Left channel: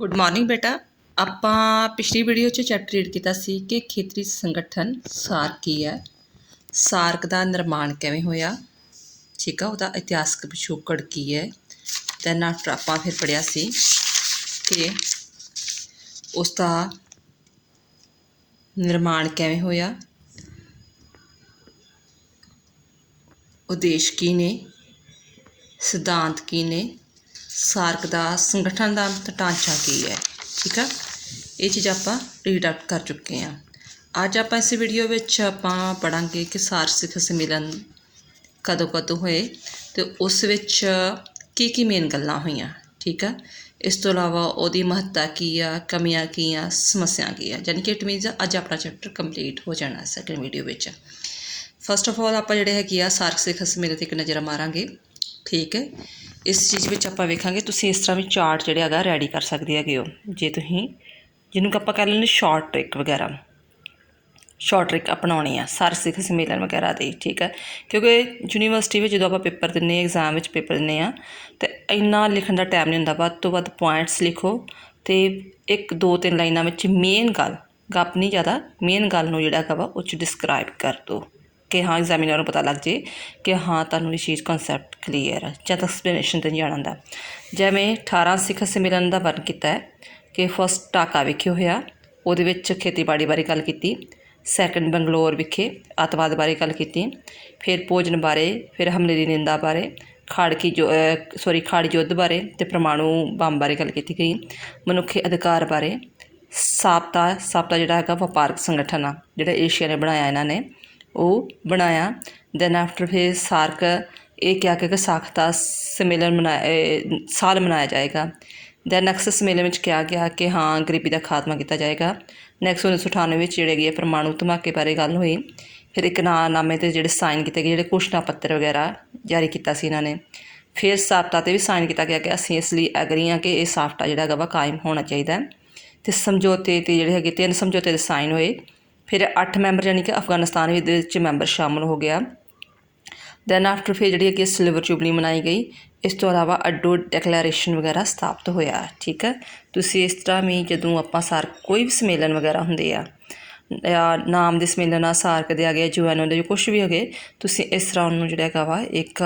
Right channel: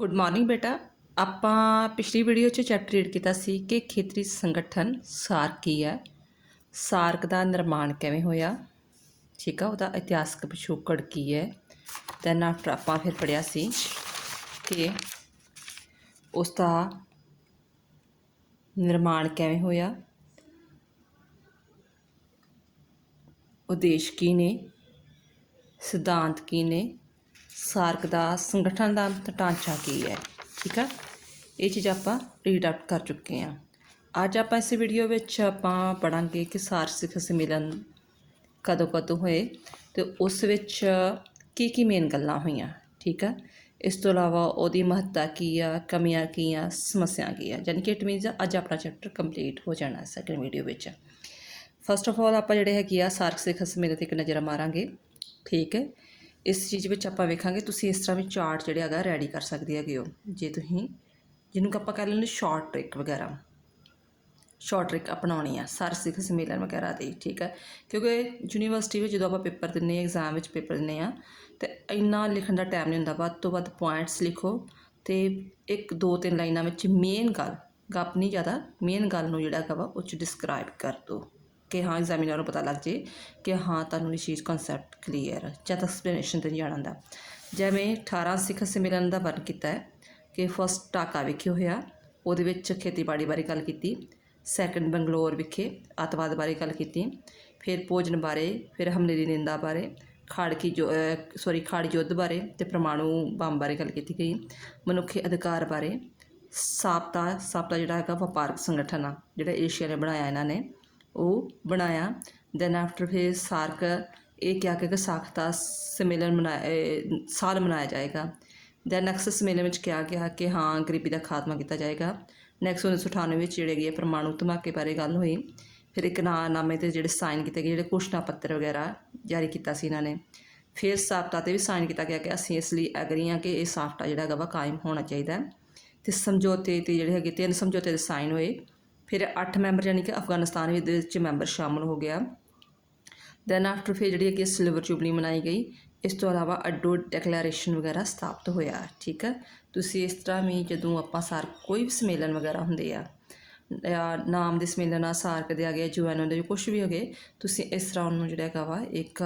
Good morning बेटा। ਆਪਾਂ ਪਿਛਲੀ ਵੀਡੀਓ 'ਚ ਚੈਪਟਰ ਰੀਡ ਕੀਤਾ ਸੀ ਕਿ ਖੇਤਰੀ ਸੰਗਠਨ ਸਾਰਕ ਕੀ ਹੈ, ਸਾਰਕ ਦਾ ਨਿਰਮਾਣ ਕਿਵੇਂ ਹੋਇਆ, ਠੀਕ ਆ, ਉਹਦਾ ਇਤਿਹਾਸਕ ਪਿਛੋਕੜ ਕੀ ਹੈ। ਦੈਨ ਆਫਟਰ ਆਪਾਂ ਫਿਰ ਪੜ੍ਹਿਆ ਸੀ ਕਿ ਉਸ ਦਾ ਨਿਰਮਾਣ ਕਿਵੇਂ ਹੋਇਆ, ਉਦੇਸ਼ ਕੀ ਨੇ, ਸਿਧਾਂਤ ਕੀ ਨੇ, ਸਾਰਕ ਦਾ ਸੰਗਠਨ ਦਾ ਢਾਂਚਾ ਕੀ ਹੈ। ठीक है, ये चीज़ आप रीड आउट कर चुके हैं। अज आप इस वीडियो में पढ़ांगे कि सार्क सम्मेलन कदों कदों होए तो उस की मेन गल्लां होईयां। ठीक है, इस तो इलावा उहदी महत्ता की आ, कमियां की आ, समस्या की आ, यानी कि इट मीनस अज अपना चैप्टर कंप्लीट हो जाना सैकेंड वीडियो में। फस्ट ऑफ ऑल आप जिहड़े हैगे आ सार्क सिखर सम्मेलन ते एक नज़र मारांगे। ठीक है, इस चीज़ में आप वेखांगे तुसीं इस तरह भी चार्ट जिहड़े हैगा रैडी कर सकते हैगे हो, जे तुसीं जिन्होंने आप कह लैंदे शॉर्ट ट्रिक वगैरह, शॉर्ट ट्रिक अपनानी आ सार्क सिखर सम्मेलन वगैरह दी। ठीक है, क्योंकि यूनीवर्सिटी में जो आप पेपर दिंदे एग्जाम में पेपर दिंदे आ तो इन्ना लिखण का टाइम नहीं हुंदा, वध तो वध पॉइंट्स लिखो तो एक दो तीन लाइनां में मेन गल गप नहीं ज़्यादा मेन गल नूं जिहड़ा हैगा वा उह च डिस्क्राइब कर दो कि हाँ एग्जामिनर को पता लग जाए कि हाँ तुहानूं ये चीज़ कंसैप्ट क्लीयर है, जब एक्सप्लेनेशन देन जाना हुंदा। जिवें 18 सिखर सम्मेलन का वर्णन किया है कि फस्ट ढाका विखे होया, उहदे विच खेतीबाड़ी बारे गल कीती, सैकेंड बंगलोर विखे अतवाद बारे गल कीती, फिर भोजन बारे, फिर हमले की निंदा बारे, खाड़ी युद्ध बारे ते परमाणु बंब बारे गल की गई, मनुखी अधिकार बारे, साप्ता जिहड़ा हैगा वपारक संगठन आ जिहड़ा एशिया ने बनाया इन्हां ने वो बनाया। दैन आफ्टर फिर सार्क ये क्या कि साख्ता सम्मेलन साल मनाया जाएगा। दैन नैक्सट सम्मेलन में क्या गया कि हाँ गरीबी का खात्मा किया जाएगा। नैक्सट 1998 जिहड़े गए परमाणु धमाके बारे गल हुई, फिर इकरारनामे ते जिहड़े साइन किए गए, जिहड़े घोषणा पत्र वगैरह जारी किया इन्होंने। फिर साफ्ता ते भी साइन किया गया कि असीं इस लिए एग्री हाँ कि यह साफ्ता जिहड़ा हैगा वा कायम होना चाहिए। तो समझौते ते जिहड़े हैगे 3 समझौते दे साइन होए। फिर 8 मैंबर यानी कि अफगानिस्तान भी मैंबर शामिल हो गया। दैन आफ्टर फिर जी कि सिल्वर जुबली मनाई गई। इस तो अलावा अड्डो डिक्लेरेशन वगैरह स्थापित होया। ठीक है, तुसी इस तरह भी जदों आपां सार्क कोई भी सम्मेलन वगैरह हुंदे आ या नाम दे सम्मेलन आ सार्क दे आ गए UN दे कुछ भी हो गए, तुसी इस तरह उन्होंने जिहड़ा हैगा वा एक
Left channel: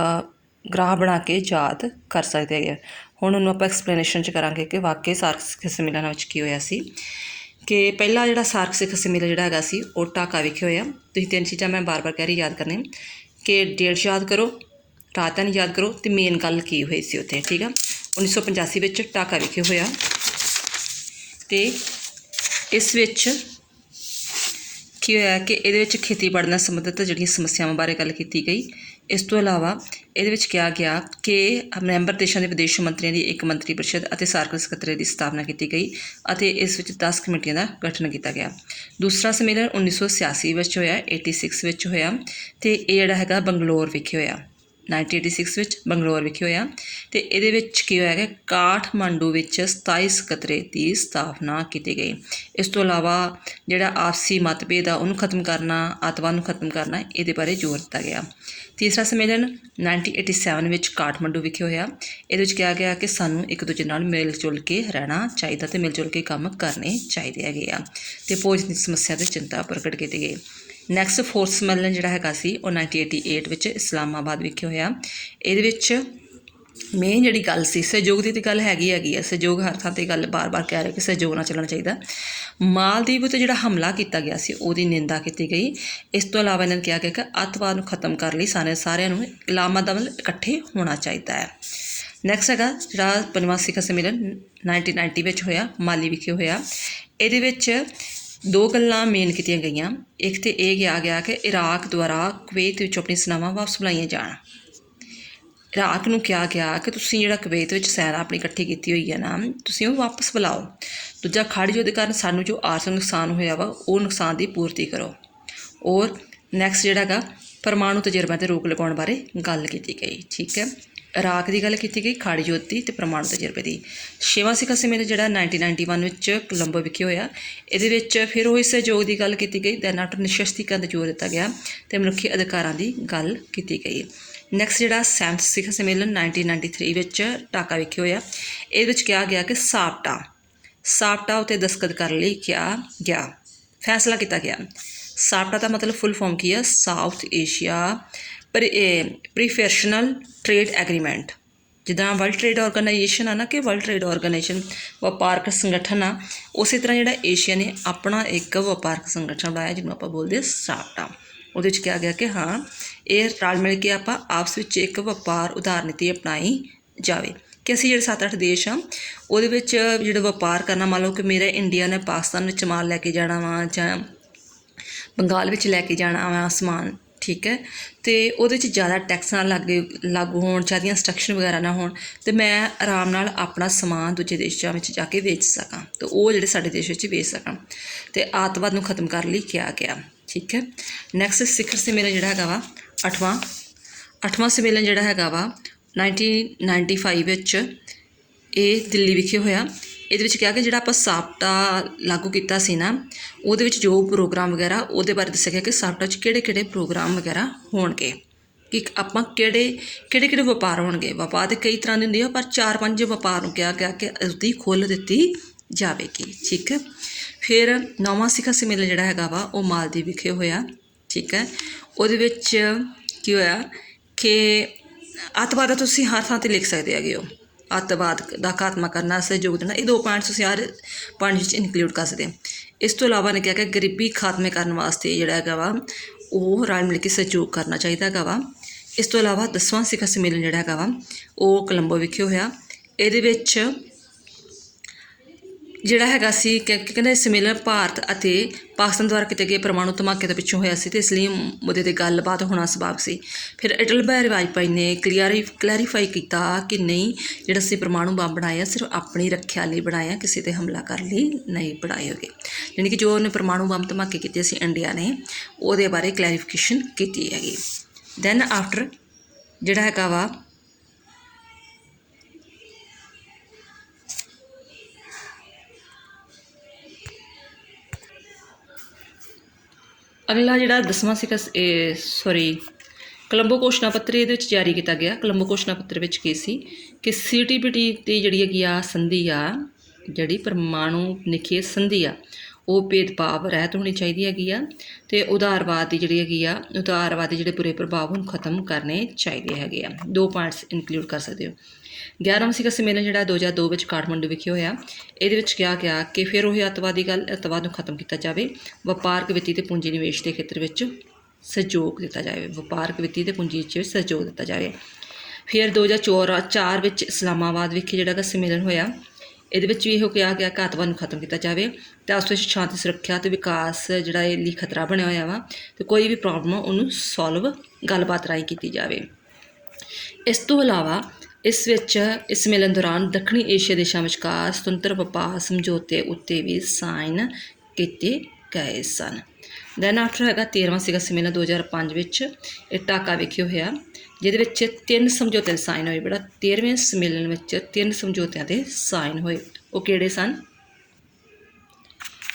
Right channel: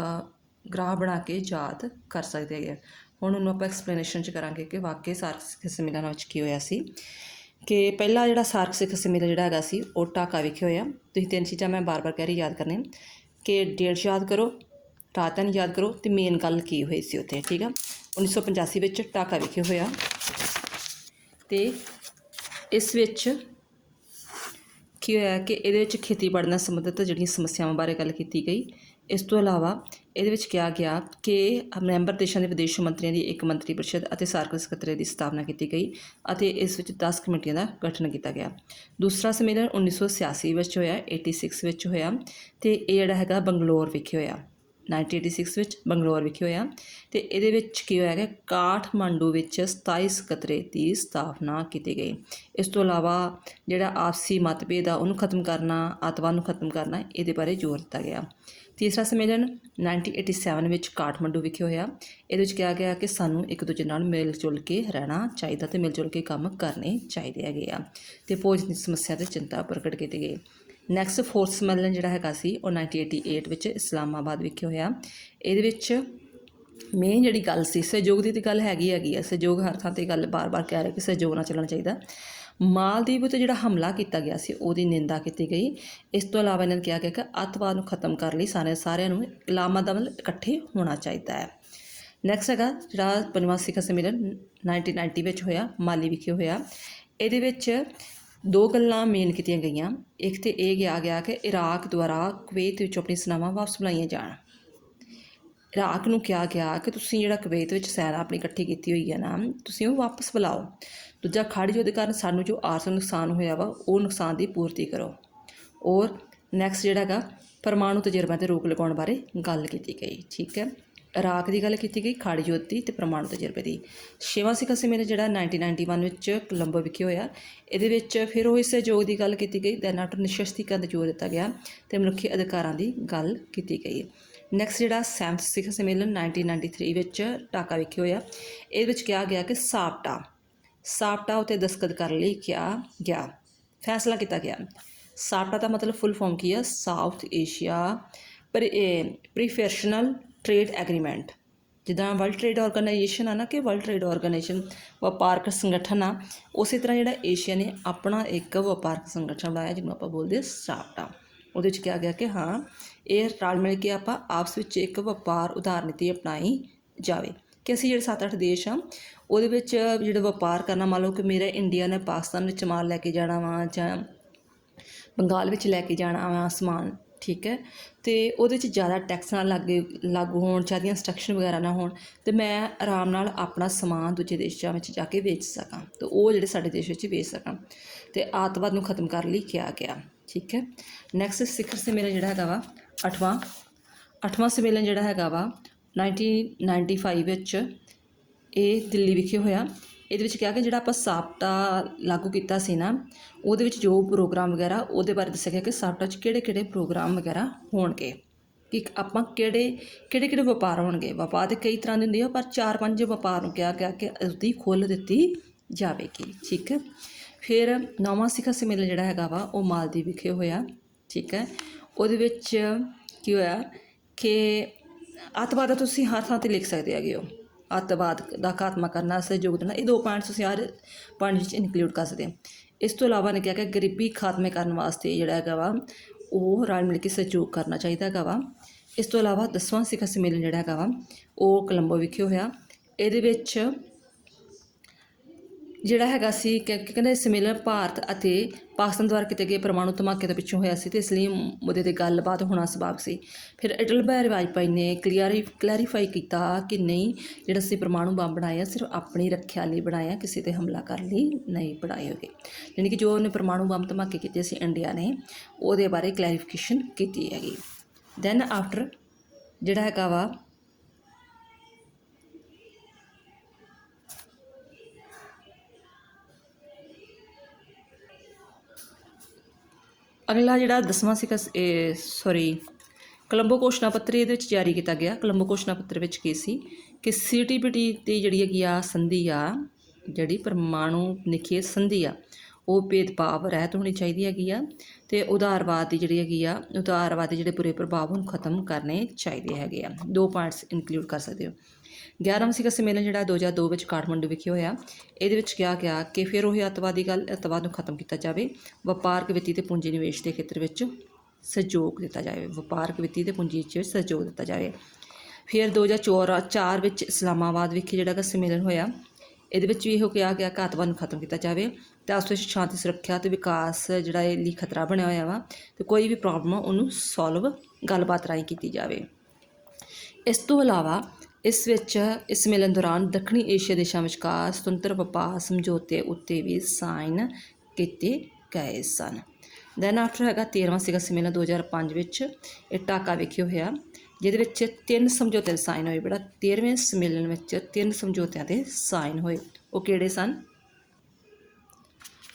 ग्राफ बना के याद कर सकते हैं। हुण उन्होंने आपां एक्सप्लेनेशन च करांगे कि वाकई सार्क सम्मेलन विच की होया सी। कि पहला जिहड़ा सार्क सिखर सम्मेलन जिहड़ा हैगा सी वो ढाका विखे होया। तुसीं 3 चीज़ां मैं बार बार कह रही याद करने कि डेट याद करो, रात नहीं याद करो तो मेन गल की हुई सी उत्थे। ठीक है, 1985 विच ढाका विखे होया ते इस विच की होया कि इहदे विच खेतीबाड़ी नाल संबंधित जिहड़ियां समस्यावां बारे गल कीती गई। इस तो इलावा ਇਹਦੇ ਵਿੱਚ ਕਿਹਾ ਗਿਆ ਕਿ ਮੈਂਬਰ ਦੇਸ਼ਾਂ ਦੇ ਵਿਦੇਸ਼ ਮੰਤਰੀਆਂ ਦੀ ਇੱਕ ਮੰਤਰੀ ਪਰਿਸ਼ਦ ਅਤੇ ਸਾਰਕ ਸਕੱਤਰੇਤ ਦੀ ਸਥਾਪਨਾ ਕੀਤੀ ਗਈ ਅਤੇ ਇਸ ਵਿੱਚ 10 ਕਮੇਟੀਆਂ ਦਾ ਗਠਨ ਕੀਤਾ ਗਿਆ। ਦੂਸਰਾ ਸੰਮੇਲਨ 1986 ਵਿੱਚ ਹੋਇਆ, 86 ਵਿੱਚ ਹੋਇਆ ਅਤੇ ਇਹ ਜਿਹੜਾ ਹੈਗਾ ਬੰਗਲੌਰ ਵਿਖੇ ਹੋਇਆ, 1986 ਵਿੱਚ ਬੰਗਲੌਰ ਵਿਖੇ ਹੋਇਆ। ਅਤੇ ਇਹਦੇ ਵਿੱਚ ਕੀ ਹੋਇਆ ਕਿ ਕਾਠਮਾਂਡੂ ਵਿੱਚ 27 ਸਕੱਤਰੇਤ ਦੀ ਸਥਾਪਨਾ ਕੀਤੀ ਗਈ। ਇਸ ਤੋਂ ਇਲਾਵਾ ਜਿਹੜਾ ਆਪਸੀ ਮਤਭੇਦ ਆ ਉਹਨੂੰ ਖਤਮ ਕਰਨਾ, ਅੱਤਵਾਦ ਨੂੰ ਖਤਮ ਕਰਨਾ, ਇਹਦੇ ਬਾਰੇ ਜ਼ੋਰ ਦਿੱਤਾ ਗਿਆ। तीसरा सम्मेलन 1987 ਵਿੱਚ ਕਾਠਮਾਂਡੂ ਵਿਖੇ ਹੋਇਆ। ਇਹਦੇ ਵਿੱਚ ਕਿਹਾ ਗਿਆ ਕਿ ਸਾਨੂੰ ਇੱਕ ਦੂਜੇ ਨਾਲ ਮਿਲ ਜੁਲ ਕੇ ਰਹਿਣਾ ਚਾਹੀਦਾ ਅਤੇ ਮਿਲ ਜੁਲ ਕੇ ਕੰਮ ਕਰਨੇ ਚਾਹੀਦੇ ਹੈਗੇ ਆ ਅਤੇ ਭੋਜਨ ਦੀ ਸਮੱਸਿਆ 'ਤੇ ਚਿੰਤਾ ਪ੍ਰਗਟ ਕੀਤੀ ਗਈ। ਨੈਕਸਟ ਫੋਰਥ सम्मेलन ਜਿਹੜਾ ਹੈਗਾ ਸੀ ਉਹ 1988 ਵਿੱਚ ਇਸਲਾਮਾਬਾਦ ਵਿਖੇ ਹੋਇਆ। ਇਹਦੇ ਵਿੱਚ ਮੇਨ ਜਿਹੜੀ ਗੱਲ ਸੀ ਸਹਿਯੋਗ ਦੀ ਤਾਂ ਗੱਲ ਹੈਗੀ ਆ, ਸਹਿਯੋਗ ਹਰ ਥਾਂ 'ਤੇ ਗੱਲ ਬਾਰ ਬਾਰ ਕਹਿ ਰਹੇ ਕਿ ਸਹਿਯੋਗ ਨਾਲ ਚੱਲਣਾ ਚਾਹੀਦਾ। ਮਾਲਦੀਵ ਉੱਤੇ ਜਿਹੜਾ ਹਮਲਾ ਕੀਤਾ ਗਿਆ ਸੀ ਉਹਦੀ ਨਿੰਦਾ ਕੀਤੀ ਗਈ। ਇਸ ਤੋਂ ਇਲਾਵਾ ਇਹਨਾਂ ਨੇ ਕਿਹਾ ਗਿਆ ਕਿ ਅੱਤਵਾਦ ਨੂੰ ਖਤਮ ਕਰਨ ਲਈ ਸਾਰਿਆਂ ਨੂੰ ਇਸਲਾਮਾਬਾਦ ਇਕੱਠੇ ਹੋਣਾ ਚਾਹੀਦਾ ਹੈ। ਨੈਕਸਟ ਹੈਗਾ ਜਿਹੜਾ 5ਵਾਂ ਸਿਖਰ ਸੰਮੇਲਨ 1990 ਵਿੱਚ ਹੋਇਆ, ਮਾਲੀ ਵਿਖੇ ਹੋਇਆ। ਇਹਦੇ ਵਿੱਚ 2 ਗੱਲਾਂ ਮੇਨ ਕੀਤੀਆਂ ਗਈਆਂ। ਇੱਕ ਤਾਂ ਇਹ ਕਿਹਾ ਗਿਆ ਕਿ ਇਰਾਕ ਦੁਆਰਾ ਕੁਵੈਤ ਵਿੱਚ ਆਪਣੀ ਸੈਨਾਵਾਂ ਵਾਪਸ ਬੁਲਾਈਆਂ ਜਾਣ। ਇਰਾਕ ਨੂੰ ਕਿਹਾ ਗਿਆ ਕਿ ਤੁਸੀਂ ਜਿਹੜਾ ਕੁਵੈਤ ਵਿੱਚ ਸੈਨਾ ਆਪਣੀ ਇਕੱਠੀ ਕੀਤੀ ਹੋਈ ਹੈ ਨਾ, ਤੁਸੀਂ ਉਹ ਵਾਪਸ ਬੁਲਾਓ। ਦੂਜਾ ਖਾੜੀ ਯੁੱਧ ਕਾਰਨ ਸਾਨੂੰ ਜੋ ਆਰਥਿਕ ਨੁਕਸਾਨ ਹੋਇਆ ਵਾ ਉਹ ਨੁਕਸਾਨ ਦੀ ਪੂਰਤੀ ਕਰੋ। ਔਰ ਨੈਕਸਟ ਜਿਹੜਾ ਹੈਗਾ ਪਰਮਾਣੂ ਤਜਰਬਿਆਂ 'ਤੇ ਰੋਕ ਲਗਾਉਣ ਬਾਰੇ ਗੱਲ ਕੀਤੀ ਗਈ। ਠੀਕ ਹੈ, ਇਰਾਕ ਦੀ ਗੱਲ ਕੀਤੀ ਗਈ, ਖਾੜੀ ਯੁੱਧ ਦੀ ਅਤੇ ਪਰਮਾਣੂ ਤਜਰਬੇ ਦੀ। 6ਵਾਂ ਸਿਖਰ ਸੰਮੇਲਨ ਜਿਹੜਾ 1991 ਵਿੱਚ ਕੋਲੰਬੋ ਵਿਖੇ ਹੋਇਆ। ਇਹਦੇ ਵਿੱਚ ਫਿਰ ਉਹੀ ਸਹਿਯੋਗ ਦੀ ਗੱਲ ਕੀਤੀ ਗਈ। ਦੈਨ ਆਫਟਰ ਨਿਸ਼ਸਤੀਕਰਨ 'ਤੇ ਜ਼ੋਰ ਦਿੱਤਾ ਗਿਆ ਅਤੇ ਮਨੁੱਖੀ ਅਧਿਕਾਰਾਂ ਦੀ ਗੱਲ ਕੀਤੀ ਗਈ। ਨੈਕਸਟ ਜਿਹੜਾ 7ਵਾਂ ਸਿਖਰ ਸੰਮੇਲਨ 1993 ਵਿੱਚ ਢਾਕਾ ਵਿਖੇ ਹੋਇਆ। ਇਹਦੇ ਵਿੱਚ ਕਿਹਾ ਗਿਆ ਕਿ ਸਾਪਟਾ ਸਾਪਟਾ ਉੱਤੇ ਦਸਤਖਤ ਕਰਨ ਲਈ ਕਿਹਾ ਗਿਆ, ਫੈਸਲਾ ਕੀਤਾ ਗਿਆ। ਸਾਪਟਾ ਦਾ ਮਤਲਬ ਫੁੱਲ ਫਾਰਮ ਕੀ ਆ? South Asia preferential trade agreement. ਜਿੱਦਾਂ ਵਰਲਡ ਟ੍ਰੇਡ ਆਰਗੇਨਾਈਜੇਸ਼ਨ ਆ ਨਾ, ਕਿ ਵਰਲਡ ਟ੍ਰੇਡ ਆਰਗੇਨਾਈਜੇਸ਼ਨ ਵਪਾਰਕ ਸੰਗਠਨ ਆ, ਉਸੇ ਤਰ੍ਹਾਂ ਜਿਹੜਾ ਏਸ਼ੀਆ ਨੇ ਆਪਣਾ ਇੱਕ ਵਪਾਰਕ ਸੰਗਠਨ ਬਣਾਇਆ ਜਿਹਨੂੰ ਆਪਾਂ ਬੋਲਦੇ ਸਾਪਟਾ। ਉਹਦੇ ਵਿੱਚ ਕਿਹਾ ਗਿਆ ਕਿ ਹਾਂ ਇਹ ਰਲ ਮਿਲ ਕੇ ਆਪਾਂ ਆਪਸ ਵਿੱਚ ਇੱਕ ਵਪਾਰ ਉਧਾਰ ਨੀਤੀ ਅਪਣਾਈ ਜਾਵੇ, ਕਿ ਅਸੀਂ ਜਿਹੜੇ 7-8 ਦੇਸ਼ ਆ ਉਹਦੇ ਵਿੱਚ ਜਿਹੜਾ ਵਪਾਰ ਕਰਨਾ, ਮੰਨ ਲਓ ਕਿ ਮੇਰਾ ਇੰਡੀਆ ਨੇ ਪਾਕਿਸਤਾਨ ਵਿੱਚ ਮਾਲ ਲੈ ਕੇ ਜਾਣਾ ਵਾ ਜਾਂ ਬੰਗਾਲ ਵਿੱਚ ਲੈ ਕੇ ਜਾਣਾ ਵਾ ਸਮਾਨ, ਠੀਕ ਹੈ, ਅਤੇ ਉਹਦੇ 'ਚ ਜ਼ਿਆਦਾ ਟੈਕਸ ਨਾ ਲਾਗੂ ਹੋਣ, ਜ਼ਿਆਦਾ ਇੰਸਟਰਕਸ਼ਨ ਵਗੈਰਾ ਨਾ ਹੋਣ, ਅਤੇ ਮੈਂ ਆਰਾਮ ਨਾਲ ਆਪਣਾ ਸਮਾਨ ਦੂਜੇ ਦੇਸ਼ਾਂ ਵਿੱਚ ਜਾ ਕੇ ਵੇਚ ਸਕਾਂ, ਅਤੇ ਉਹ ਜਿਹੜੇ ਸਾਡੇ ਦੇਸ਼ ਵਿੱਚ ਵੇਚ ਸਕਣ, ਅਤੇ ਆਤੰਕਵਾਦ ਨੂੰ ਖਤਮ ਕਰਨ ਲਈ ਕਿਹਾ ਗਿਆ, ਠੀਕ ਹੈ। ਨੈਕਸਟ ਸਿਖਰ ਸੰਮੇਲਨ ਜਿਹੜਾ ਹੈਗਾ ਵਾ ਅੱਠਵਾਂ ਸੰਮੇਲਨ ਜਿਹੜਾ ਹੈਗਾ ਵਾ 1995 ਵਿੱਚ ਇਹ ਦਿੱਲੀ ਵਿਖੇ ਹੋਇਆ। ਇਹਦੇ ਵਿੱਚ ਕਿਹਾ ਕਿ ਜਿਹੜਾ ਆਪਾਂ ਸਾਪਟਾ ਲਾਗੂ ਕੀਤਾ ਸੀ ਨਾ, ਉਹਦੇ ਵਿੱਚ ਜੋ ਪ੍ਰੋਗਰਾਮ ਵਗੈਰਾ ਉਹਦੇ ਬਾਰੇ ਦੱਸਿਆ ਗਿਆ ਕਿ ਸਾਪਟਾ 'ਚ ਕਿਹੜੇ ਪ੍ਰੋਗਰਾਮ ਵਗੈਰਾ ਹੋਣਗੇ, ਕਿ ਆਪਾਂ ਕਿਹੜੇ ਵਪਾਰ ਹੋਣਗੇ। ਵਪਾਰ ਤਾਂ ਕਈ ਤਰ੍ਹਾਂ ਦੇ ਹੁੰਦੇ ਆ, ਪਰ 4-5 ਵਪਾਰ ਨੂੰ ਕਿਹਾ ਗਿਆ ਕਿ ਉਸਦੀ ਖੁੱਲ੍ਹ ਦਿੱਤੀ ਜਾਵੇਗੀ, ਠੀਕ ਹੈ। ਫਿਰ 9ਵਾਂ ਸਿਖਰ ਸੰਮੇਲਨ ਜਿਹੜਾ ਹੈਗਾ ਵਾ ਉਹ ਮਾਲਦੀਵ ਵਿਖੇ ਹੋਇਆ, ਠੀਕ ਹੈ। ਉਹਦੇ ਵਿੱਚ ਕੀ ਹੋਇਆ ਕਿ ਅੱਤਵਾਦ ਤੁਸੀਂ ਹਰ ਥਾਂ 'ਤੇ ਲਿਖ ਸਕਦੇ ਹੈਗੇ ਹੋ, ਅੱਤਵਾਦ ਦਾ ਖਾਤਮਾ ਕਰਨਾ, ਸਹਿਯੋਗ ਦੇਣਾ, ਇਹ 2 ਪੁਆਇੰਟਸ ਤੁਸੀਂ ਹਰ ਪੁਆਇੰਟ ਵਿੱਚ ਇਨਕਲੂਡ ਕਰ ਸਕਦੇ। ਇਸ ਤੋਂ ਇਲਾਵਾ ਨੇ ਕਿਹਾ ਕਿ ਗਰੀਬੀ ਖਾਤਮੇ ਕਰਨ ਵਾਸਤੇ ਜਿਹੜਾ ਹੈਗਾ ਵਾ ਉਹ ਰਲ ਮਿਲ ਕੇ ਸਹਿਯੋਗ ਕਰਨਾ ਚਾਹੀਦਾ ਹੈਗਾ ਵਾ। ਇਸ ਤੋਂ ਇਲਾਵਾ 10ਵਾਂ ਸਿਖਰ ਸੰਮੇਲਨ ਜਿਹੜਾ ਹੈਗਾ ਵਾ ਉਹ ਕੋਲੰਬੋ ਵਿਖੇ ਹੋਇਆ। ਇਹਦੇ ਵਿੱਚ ਜਿਹੜਾ ਹੈਗਾ ਸੀ ਕਹਿੰਦੇ ਸੰਮੇਲਨ ਭਾਰਤ ਅਤੇ ਪਾਕਿਸਤਾਨ ਦੁਆਰਾ ਕੀਤੇ ਗਏ ਪਰਮਾਣੂ ਧਮਾਕੇ ਦੇ ਪਿੱਛੋਂ ਹੋਇਆ ਸੀ, ਅਤੇ ਇਸ ਲਈ ਮੁੱਦੇ 'ਤੇ ਗੱਲਬਾਤ ਹੋਣਾ ਸੁਭਾਵਿਕ ਸੀ। ਫਿਰ ਅਟਲ ਬਿਹਾਰੀ ਵਾਜਪਾਈ ਨੇ ਕਲੈਰੀਫਾਈ ਕੀਤਾ ਕਿ ਨਹੀਂ, ਜਿਹੜਾ ਅਸੀਂ ਪਰਮਾਣੂ ਬੰਬ ਬਣਾਇਆ ਸਿਰਫ ਆਪਣੀ ਰੱਖਿਆ ਲਈ ਬਣਾਇਆ, ਕਿਸੇ 'ਤੇ ਹਮਲਾ ਕਰਨ ਲਈ ਨਹੀਂ ਬਣਾਏ ਹੋਗੇ। ਯਾਨੀ ਕਿ ਜੋ ਉਹਨੇ ਪਰਮਾਣੂ ਬੰਬ ਧਮਾਕੇ ਕੀਤੇ ਸੀ ਇੰਡੀਆ ਨੇ, ਉਹਦੇ ਬਾਰੇ ਕਲੈਰੀਫਿਕੇਸ਼ਨ ਕੀਤੀ ਹੈਗੀ। ਦੈਨ ਆਫਟਰ ਜਿਹੜਾ ਹੈਗਾ ਵਾ ਅਗਲਾ ਜਿਹੜਾ 10ਵਾਂ ਸਿਖਰ ਕੋਲੰਬੋ ਘੋਸ਼ਣਾ ਪੱਤਰ ਇਹਦੇ ਵਿੱਚ ਜਾਰੀ ਕੀਤਾ ਗਿਆ। ਕੋਲੰਬੋ ਘੋਸ਼ਣਾ ਪੱਤਰ ਵਿੱਚ ਕੀ ਸੀ ਕਿ CTBT ਦੀ ਜਿਹੜੀ ਹੈਗੀ ਆ ਸੰਧੀ ਆ, ਜਿਹੜੀ ਪਰਮਾਣੂ ਨਿਖੇਧ ਸੰਧੀ ਆ, ਉਹ ਭੇਦਭਾਵ ਰਹਿਤ ਹੋਣੀ ਚਾਹੀਦੀ ਹੈਗੀ ਆ, ਅਤੇ ਉਦਾਰਵਾਦ ਦੀ ਜਿਹੜੀ ਹੈਗੀ ਆ, ਉਦਾਰਵਾਦੀ ਜਿਹੜੇ ਬੁਰੇ ਪ੍ਰਭਾਵ ਨੂੰ ਖਤਮ ਕਰਨੇ ਚਾਹੀਦੇ ਹੈਗੇ ਆ। 2 ਪੁਆਇੰਟਸ ਇਨਕਲੂਡ ਕਰ ਸਕਦੇ ਹੋ। 11ਵਾਂ ਸਿਖਰ ਸੰਮੇਲਨ ਜਿਹੜਾ 2002 ਵਿੱਚ ਕਾਠਮੰਡੂ ਵਿਖੇ ਹੋਇਆ। ਇਹਦੇ ਵਿੱਚ ਕਿਹਾ ਗਿਆ ਕਿ ਫਿਰ ਉਹ ਅੱਤਵਾਦ ਨੂੰ ਖਤਮ ਕੀਤਾ ਜਾਵੇ, ਵਪਾਰਕ ਵਿੱਤੀ ਅਤੇ ਪੂੰਜੀ ਨਿਵੇਸ਼ ਦੇ ਖੇਤਰ ਵਿੱਚ ਸਹਿਯੋਗ ਦਿੱਤਾ ਜਾਵੇ, ਵਪਾਰਕ ਵਿੱਤੀ ਅਤੇ ਪੂੰਜੀ ਵਿੱਚ ਸਹਿਯੋਗ ਦਿੱਤਾ ਜਾਵੇ। ਫਿਰ 2004 ਵਿੱਚ ਇਸਲਾਮਾਬਾਦ ਵਿਖੇ ਜਿਹੜਾ ਸੰਮੇਲਨ ਹੋਇਆ, ਇਹਦੇ ਵਿੱਚ ਵੀ ਇਹੋ ਕਿਹਾ ਗਿਆ ਕਿ ਅੱਤਵਾਦ ਨੂੰ ਖਤਮ ਕੀਤਾ ਜਾਵੇ, ਅਤੇ ਆਪਸ ਵਿੱਚ ਸ਼ਾਂਤੀ, ਸੁਰੱਖਿਆ ਅਤੇ ਵਿਕਾਸ ਜਿਹੜਾ ਇਹ ਲਈ ਖਤਰਾ ਬਣਿਆ ਹੋਇਆ ਵਾ, ਅਤੇ ਕੋਈ ਵੀ ਪ੍ਰੋਬਲਮ ਉਹਨੂੰ ਸੋਲਵ ਗੱਲਬਾਤ ਰਾਹੀਂ ਕੀਤੀ ਜਾਵੇ। ਇਸ ਤੋਂ ਇਲਾਵਾ ਇਸ ਸੰਮੇਲਨ ਦੌਰਾਨ ਦੱਖਣੀ ਏਸ਼ੀਆ ਦੇਸ਼ਾਂ ਵਿਚਕਾਰ ਸੁਤੰਤਰ ਵਪਾਰ ਸਮਝੌਤੇ ਉੱਤੇ ਵੀ ਸਾਈਨ ਕੀਤੇ ਗਏ ਸਨ। ਦੈਨ ਆਫਟਰ ਹੈਗਾ 13ਵਾਂ ਸਿਖਰ ਸੰਮੇਲਨ 2005 ਵਿੱਚ ਇਹ ਢਾਕਾ ਵਿਖੇ ਹੋਇਆ, ਜਿਹਦੇ ਵਿੱਚ 3 ਸਮਝੌਤੇ ਸਾਈਨ ਹੋਏ। ਬੜਾ 13ਵੇਂ ਸੰਮੇਲਨ ਵਿੱਚ 3 ਸਮਝੌਤਿਆਂ ਦੇ ਸਾਈਨ ਹੋਏ। ਉਹ ਕਿਹੜੇ ਸਨ?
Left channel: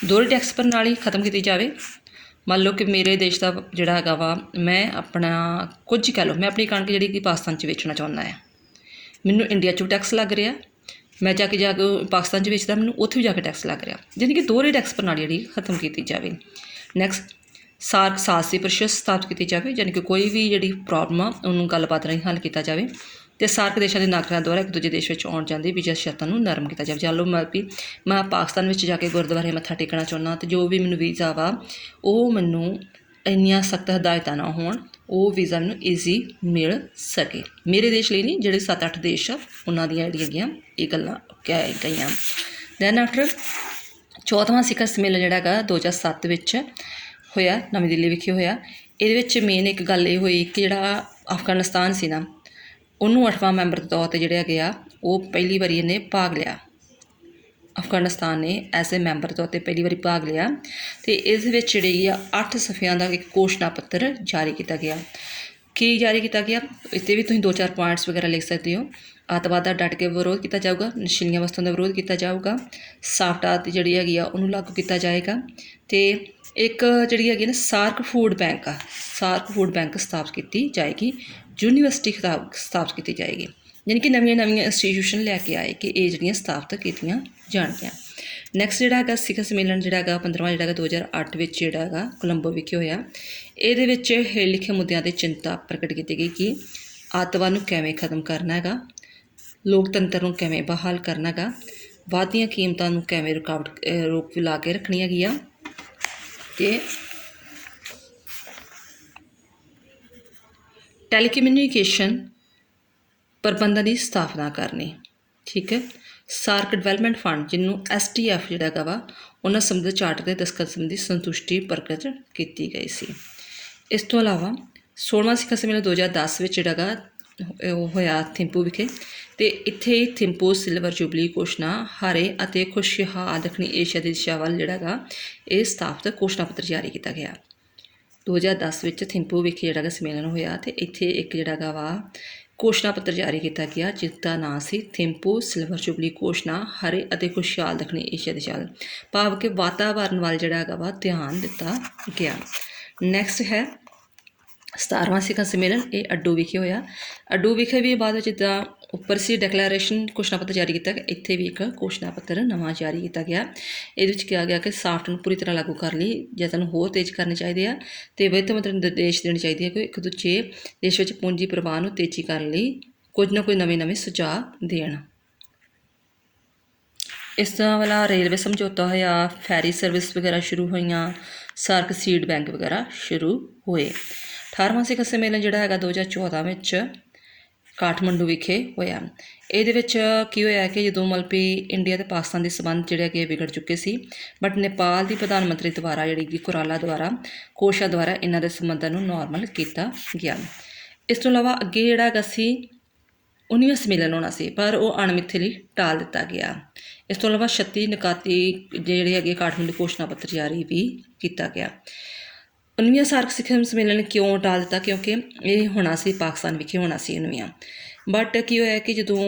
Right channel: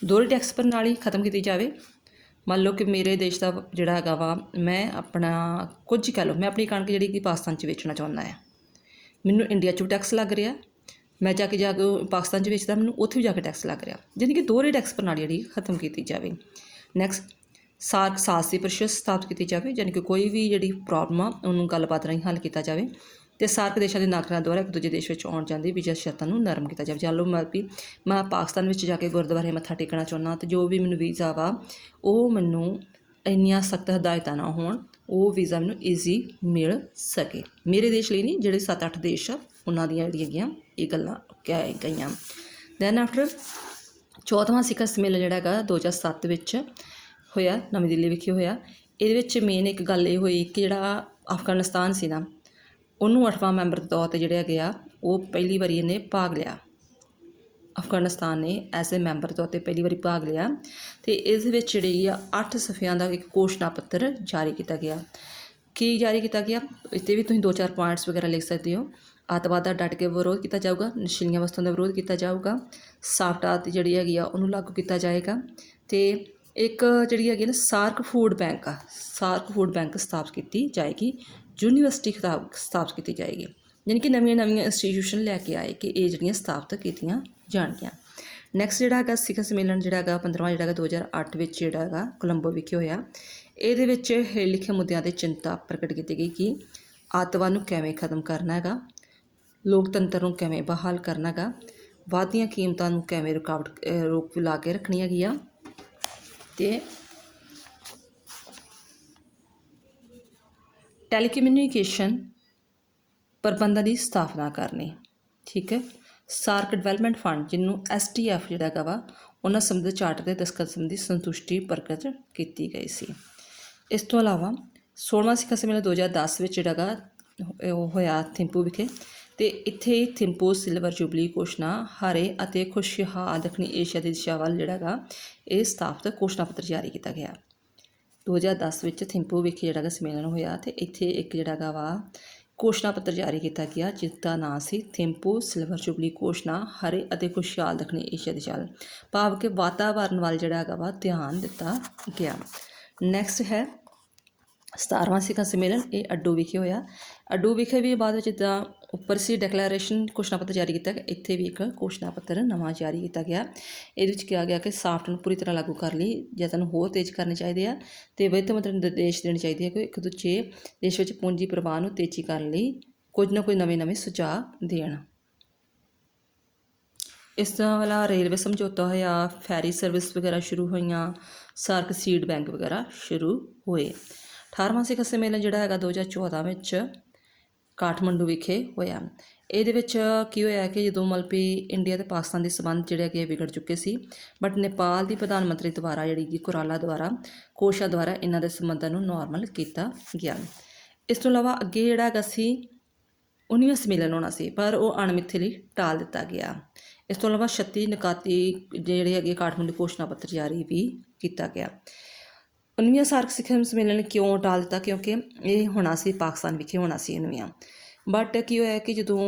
ਦੋਹਰੀ ਟੈਕਸ ਪ੍ਰਣਾਲੀ ਖਤਮ ਕੀਤੀ ਜਾਵੇ। ਮੰਨ ਲਓ ਕਿ ਮੇਰੇ ਦੇਸ਼ ਦਾ ਜਿਹੜਾ ਹੈਗਾ ਵਾ, ਮੈਂ ਆਪਣਾ ਕੁਝ ਹੀ ਕਹਿ ਲਓ, ਮੈਂ ਆਪਣੀ ਕਣਕ ਜਿਹੜੀ ਕਿ ਪਾਕਿਸਤਾਨ 'ਚ ਵੇਚਣਾ ਚਾਹੁੰਦਾ ਹੈ, ਮੈਨੂੰ ਇੰਡੀਆ 'ਚੋਂ ਟੈਕਸ ਲੱਗ ਰਿਹਾ, ਮੈਂ ਜਾ ਕੇ ਪਾਕਿਸਤਾਨ 'ਚ ਵੇਚਦਾ, ਮੈਨੂੰ ਉੱਥੇ ਵੀ ਜਾ ਕੇ ਟੈਕਸ ਲੱਗ ਰਿਹਾ, ਯਾਨੀ ਕਿ ਦੋਹਰੀ ਟੈਕਸ ਪ੍ਰਣਾਲੀ ਜਿਹੜੀ ਖਤਮ ਕੀਤੀ ਜਾਵੇ। ਨੈਕਸਟ ਸਾਰਕ ਸਾਹਸੀ ਪਰਿਸ਼ਦ ਸਥਾਪਿਤ ਕੀਤੀ ਜਾਵੇ, ਯਾਨੀ ਕਿ ਕੋਈ ਵੀ ਜਿਹੜੀ ਪ੍ਰੋਬਲਮ ਆ ਉਹਨੂੰ ਗੱਲਬਾਤ ਰਾਹੀਂ ਹੱਲ ਕੀਤਾ ਜਾਵੇ, ਅਤੇ ਸਾਰਕ ਦੇਸ਼ਾਂ ਦੇ ਨਾਗਰਿਕਾਂ ਦੁਆਰਾ ਇੱਕ ਦੂਜੇ ਦੇਸ਼ ਵਿੱਚ ਆਉਣ ਜਾਣ ਦੀ ਵੀਜ਼ਾ ਸ਼ਰਤਾਂ ਨੂੰ ਨਰਮ ਕੀਤਾ ਜਾਵੇ। ਚਲੋ ਮੈਂ ਪਾਕਿਸਤਾਨ ਵਿੱਚ ਜਾ ਕੇ ਗੁਰਦੁਆਰੇ ਮੱਥਾ ਟੇਕਣਾ ਚਾਹੁੰਦਾ, ਅਤੇ ਜੋ ਵੀ ਮੈਨੂੰ ਵੀਜ਼ਾ ਵਾ ਉਹ ਮੈਨੂੰ ਇੰਨੀਆਂ ਸਖਤ ਹਦਾਇਤਾਂ ਨਾ ਹੋਣ, ਉਹ ਵੀਜ਼ਾ ਮੈਨੂੰ ਈਜ਼ੀ ਮਿਲ ਸਕੇ। ਮੇਰੇ ਦੇਸ਼ ਲਈ ਨਹੀਂ, ਜਿਹੜੇ 7-8 ਦੇਸ਼ ਆ ਉਹਨਾਂ ਦੀਆਂ ਜਿਹੜੀਆਂ ਹੈਗੀਆਂ ਇਹ ਗੱਲਾਂ ਕਹਿ ਗਈਆਂ। ਦੈਨ ਆਫਟਰ 14ਵਾਂ ਸਿਖਰ ਸੰਮੇਲਨ ਜਿਹੜਾ ਹੈਗਾ 2007 ਵਿੱਚ ਹੋਇਆ, ਨਵੀਂ ਦਿੱਲੀ ਵਿਖੇ ਹੋਇਆ। ਇਹਦੇ ਵਿੱਚ ਮੇਨ ਇੱਕ ਗੱਲ ਇਹ ਹੋਈ ਕਿ ਜਿਹੜਾ ਅਫਗਾਨਿਸਤਾਨ ਸੀ ਨਾ, ਉਹਨੂੰ 8ਵਾਂ ਮੈਂਬਰ ਦੇ ਤੌਰ 'ਤੇ ਜਿਹੜੇ ਹੈਗੇ ਆ ਉਹ ਪਹਿਲੀ ਵਾਰੀ ਇਹਨੇ ਭਾਗ ਲਿਆ। ਅਫਗਾਨਿਸਤਾਨ ਨੇ ਐਜ਼ ਏ ਮੈਂਬਰ ਤੌਰ 'ਤੇ ਪਹਿਲੀ ਵਾਰੀ ਭਾਗ ਲਿਆ, ਅਤੇ ਇਸ ਵਿੱਚ ਜਿਹੜੀ ਆ 8 ਸਫ਼ਿਆਂ ਦਾ ਇੱਕ ਘੋਸ਼ਣਾ ਪੱਤਰ ਜਾਰੀ ਕੀਤਾ ਗਿਆ। ਕੀ ਜਾਰੀ ਕੀਤਾ ਗਿਆ? ਇੱਥੇ ਵੀ ਤੁਸੀਂ 2-4 ਪੁਆਇੰਟਸ ਵਗੈਰਾ ਲਿਖ ਸਕਦੇ ਹੋ। ਅੱਤਵਾਦ ਦਾ ਡਟ ਕੇ ਵਿਰੋਧ ਕੀਤਾ ਜਾਊਗਾ, ਨਸ਼ੀਲੀਆਂ ਵਸਤਾਂ ਦਾ ਵਿਰੋਧ ਕੀਤਾ ਜਾਊਗਾ, ਸਾਫਟਾ ਦੀ ਜਿਹੜੀ ਹੈਗੀ ਆ ਉਹਨੂੰ ਲਾਗੂ ਕੀਤਾ ਜਾਏਗਾ, ਅਤੇ ਇੱਕ ਜਿਹੜੀ ਹੈਗੀ ਨਾ ਸਾਰਕ ਫੂਡ ਬੈਂਕ ਆ, ਸਾਰਕ ਫੂਡ ਬੈਂਕ ਸਥਾਪਿਤ ਕੀਤੀ ਜਾਏਗੀ, ਯੂਨੀਵਰਸਿਟੀ ਸਥਾਪਿਤ ਕੀਤੀ ਜਾਏਗੀ, ਯਾਨੀ ਕਿ ਨਵੀਆਂ ਇੰਸਟੀਟਿਊਸ਼ਨ ਲੈ ਕੇ ਆਏ ਕਿ ਇਹ ਜਿਹੜੀਆਂ ਸਥਾਪਿਤ ਕੀਤੀਆਂ ਜਾਣਗੀਆਂ। ਨੈਕਸਟ ਜਿਹੜਾ ਹੈਗਾ ਸਿਖਰ ਸੰਮੇਲਨ ਜਿਹੜਾ ਹੈਗਾ 15ਵਾਂ ਜਿਹੜਾ ਹੈਗਾ 2008 ਵਿੱਚ ਜਿਹੜਾ ਹੈਗਾ ਕੋਲੰਬੋ ਵਿਖੇ ਹੋਇਆ। ਇਹਦੇ ਵਿੱਚ ਹੇਠ ਲਿਖੇ ਮੁੱਦਿਆਂ 'ਤੇ ਚਿੰਤਾ ਪ੍ਰਗਟ ਕੀਤੀ ਗਈ ਕਿ ਅੱਤਵਾਦ ਨੂੰ ਕਿਵੇਂ ਖਤਮ ਕਰਨਾ ਹੈਗਾ, ਲੋਕਤੰਤਰ ਨੂੰ ਕਿਵੇਂ ਬਹਾਲ ਕਰਨਾ ਹੈਗਾ, ਵੱਧਦੀਆਂ ਕੀਮਤਾਂ ਨੂੰ ਕਿਵੇਂ ਰੋਕ ਲਾ ਕੇ ਰੱਖਣੀ ਹੈਗੀ ਆ, ਅਤੇ ਟੈਲੀਕਮਿਊਨੀਕੇਸ਼ਨ ਪ੍ਰਬੰਧਾਂ ਦੀ ਸਥਾਪਨਾ ਕਰਨੀ। ਠੀਕ ਹੈ। ਸਾਰਕ ਡਿਵੈਲਪਮੈਂਟ ਫੰਡ ਜਿਹਨੂੰ SDF ਜਿਹੜਾ ਹੈਗਾ ਵਾ ਉਹਨਾਂ ਸੰਬੰਧਿਤ ਚਾਰਟਰ ਦੇ ਦਸਤਖਤ ਸੰਬੰਧੀ ਸੰਤੁਸ਼ਟੀ ਪ੍ਰਗਟ ਕੀਤੀ ਗਈ ਸੀ। ਇਸ ਤੋਂ ਇਲਾਵਾ 16ਵਾਂ ਸਿਖਰ ਸੰਮੇਲਨ 2010 ਵਿੱਚ ਜਿਹੜਾ ਹੈਗਾ ਉਹ ਹੋਇਆ ਥਿੰਪੂ ਵਿਖੇ, ਅਤੇ ਇੱਥੇ ਥਿੰਪੂ ਸਿਲਵਰ ਜੁਬਲੀ ਘੋਸ਼ਣਾ ਹਰੇ ਅਤੇ ਖੁਸ਼ਹਾਲ ਦੱਖਣੀ ਏਸ਼ੀਆ ਦੀ ਦਿਸ਼ਾ ਵੱਲ ਜਿਹੜਾ ਹੈਗਾ ਇਹ ਸਥਾਪਿਤ ਘੋਸ਼ਣਾ ਪੱਤਰ ਜਾਰੀ ਕੀਤਾ ਗਿਆ। 2010 ਵਿੱਚ ਥਿੰਪੂ ਵਿਖੇ ਜਿਹੜਾ ਹੈਗਾ ਸੰਮੇਲਨ ਹੋਇਆ, ਅਤੇ ਇੱਥੇ ਇੱਕ ਜਿਹੜਾ ਹੈਗਾ ਵਾ ਘੋਸ਼ਣਾ ਪੱਤਰ ਜਾਰੀ ਕੀਤਾ ਗਿਆ ਜਿਸ ਦਾ ਨਾਂ ਸੀ ਥਿੰਪੂ ਸਿਲਵਰ ਜੁਬਲੀ ਘੋਸ਼ਣਾ ਹਰੇ ਅਤੇ ਖੁਸ਼ਹਾਲ ਦੱਖਣੀ ਏਸ਼ੀਆ ਦੀ ਦਿਸ਼ਾ ਵੱਲ, ਭਾਵ ਕਿ ਵਾਤਾਵਰਨ ਵੱਲ ਜਿਹੜਾ ਹੈਗਾ ਵਾ ਧਿਆਨ ਦਿੱਤਾ ਗਿਆ। ਨੈਕਸਟ ਹੈ 17ਵਾਂ ਸਿਖਰ ਸੰਮੇਲਨ, ਇਹ ਅੱਡੂ ਵਿਖੇ ਹੋਇਆ। ਅੱਡੂ ਵਿਖੇ ਵੀ ਬਾਅਦ ਵਿੱਚ ਜਿੱਦਾਂ ਉੱਪਰ ਸੀ ਡਿਕਲੇਰੇਸ਼ਨ ਘੋਸ਼ਣਾ ਪੱਤਰ ਜਾਰੀ ਕੀਤਾ ਗਿਆ, ਇੱਥੇ ਵੀ ਇੱਕ ਘੋਸ਼ਣਾ ਪੱਤਰ ਨਵਾਂ ਜਾਰੀ ਕੀਤਾ ਗਿਆ। ਇਹਦੇ ਵਿੱਚ ਕਿਹਾ ਗਿਆ ਕਿ ਸਾਫਟ ਨੂੰ ਪੂਰੀ ਤਰ੍ਹਾਂ ਲਾਗੂ ਕਰਨ ਲਈ ਯਤਨ ਹੋਰ ਤੇਜ਼ ਕਰਨੇ ਚਾਹੀਦੇ ਆ, ਅਤੇ ਵਿੱਤ ਮੰਤਰੀ ਨੂੰ ਨਿਰਦੇਸ਼ ਦੇਣੇ ਚਾਹੀਦੇ ਆ ਕਿ ਇੱਕ ਦੂਜੇ ਦੇਸ਼ ਵਿੱਚ ਪੂੰਜੀ ਪ੍ਰਵਾਹ ਨੂੰ ਤੇਜ਼ੀ ਕਰਨ ਲਈ ਕੁਝ ਨਾ ਕੁਝ ਨਵੇਂ ਸੁਝਾਅ ਦੇਣ। ਇਸ ਤਰ੍ਹਾਂ ਵਾਲਾ ਰੇਲਵੇ ਸਮਝੌਤਾ ਹੋਇਆ, ਫੈਰੀ ਸਰਵਿਸ ਵਗੈਰਾ ਸ਼ੁਰੂ ਹੋਈਆਂ, ਸਾਰਕ ਸੀਡ ਬੈਂਕ ਵਗੈਰਾ ਸ਼ੁਰੂ ਹੋਏ। 18ਵਾਂ ਸਿਖਰ ਸੰਮੇਲਨ ਜਿਹੜਾ ਹੈਗਾ 2014 ਵਿੱਚ ਕਾਠਮੰਡੂ ਵਿਖੇ ਹੋਇਆ। ਇਹਦੇ ਵਿੱਚ ਕੀ ਹੋਇਆ ਕਿ ਜਦੋਂ ਮਤਲਬ ਵੀ ਇੰਡੀਆ ਅਤੇ ਪਾਕਿਸਤਾਨ ਦੇ ਸੰਬੰਧ ਜਿਹੜੇ ਹੈਗੇ ਵਿਗੜ ਚੁੱਕੇ ਸੀ, ਬਟ ਨੇਪਾਲ ਦੀ ਪ੍ਰਧਾਨ ਮੰਤਰੀ ਦੁਆਰਾ ਜਿਹੜੀ ਕਿ ਕੋਰਾਲਾ ਦੁਆਰਾ ਕੋਸ਼ਾ ਦੁਆਰਾ ਇਹਨਾਂ ਦੇ ਸੰਬੰਧਾਂ ਨੂੰ ਨੋਰਮਲ ਕੀਤਾ ਗਿਆ। ਇਸ ਤੋਂ ਇਲਾਵਾ ਅੱਗੇ ਜਿਹੜਾ ਹੈਗਾ ਸੀ 19ਵਾਂ ਸੰਮੇਲਨ ਹੋਣਾ ਸੀ, ਪਰ ਉਹ ਅਣਮਿੱਥੇ ਲਈ ਟਾਲ ਦਿੱਤਾ ਗਿਆ। ਇਸ ਤੋਂ ਇਲਾਵਾ 36 ਨਿਕਾਤੀ ਜਿਹੜੇ ਹੈਗੇ ਕਾਠਮੰਡੂ ਘੋਸ਼ਣਾ ਪੱਤਰ ਜਾਰੀ ਵੀ ਕੀਤਾ ਗਿਆ। 19ਵਾਂ ਸਾਰਕ ਸਿਖਰ ਸੰਮੇਲਨ ਕਿਉਂ ਟਾਲ ਦਿੱਤਾ? ਕਿਉਂਕਿ ਇਹ ਹੋਣਾ ਸੀ ਪਾਕਿਸਤਾਨ ਵਿਖੇ ਹੋਣਾ ਸੀ 19ਵਾਂ, ਬਟ ਕੀ ਹੋਇਆ ਕਿ ਜਦੋਂ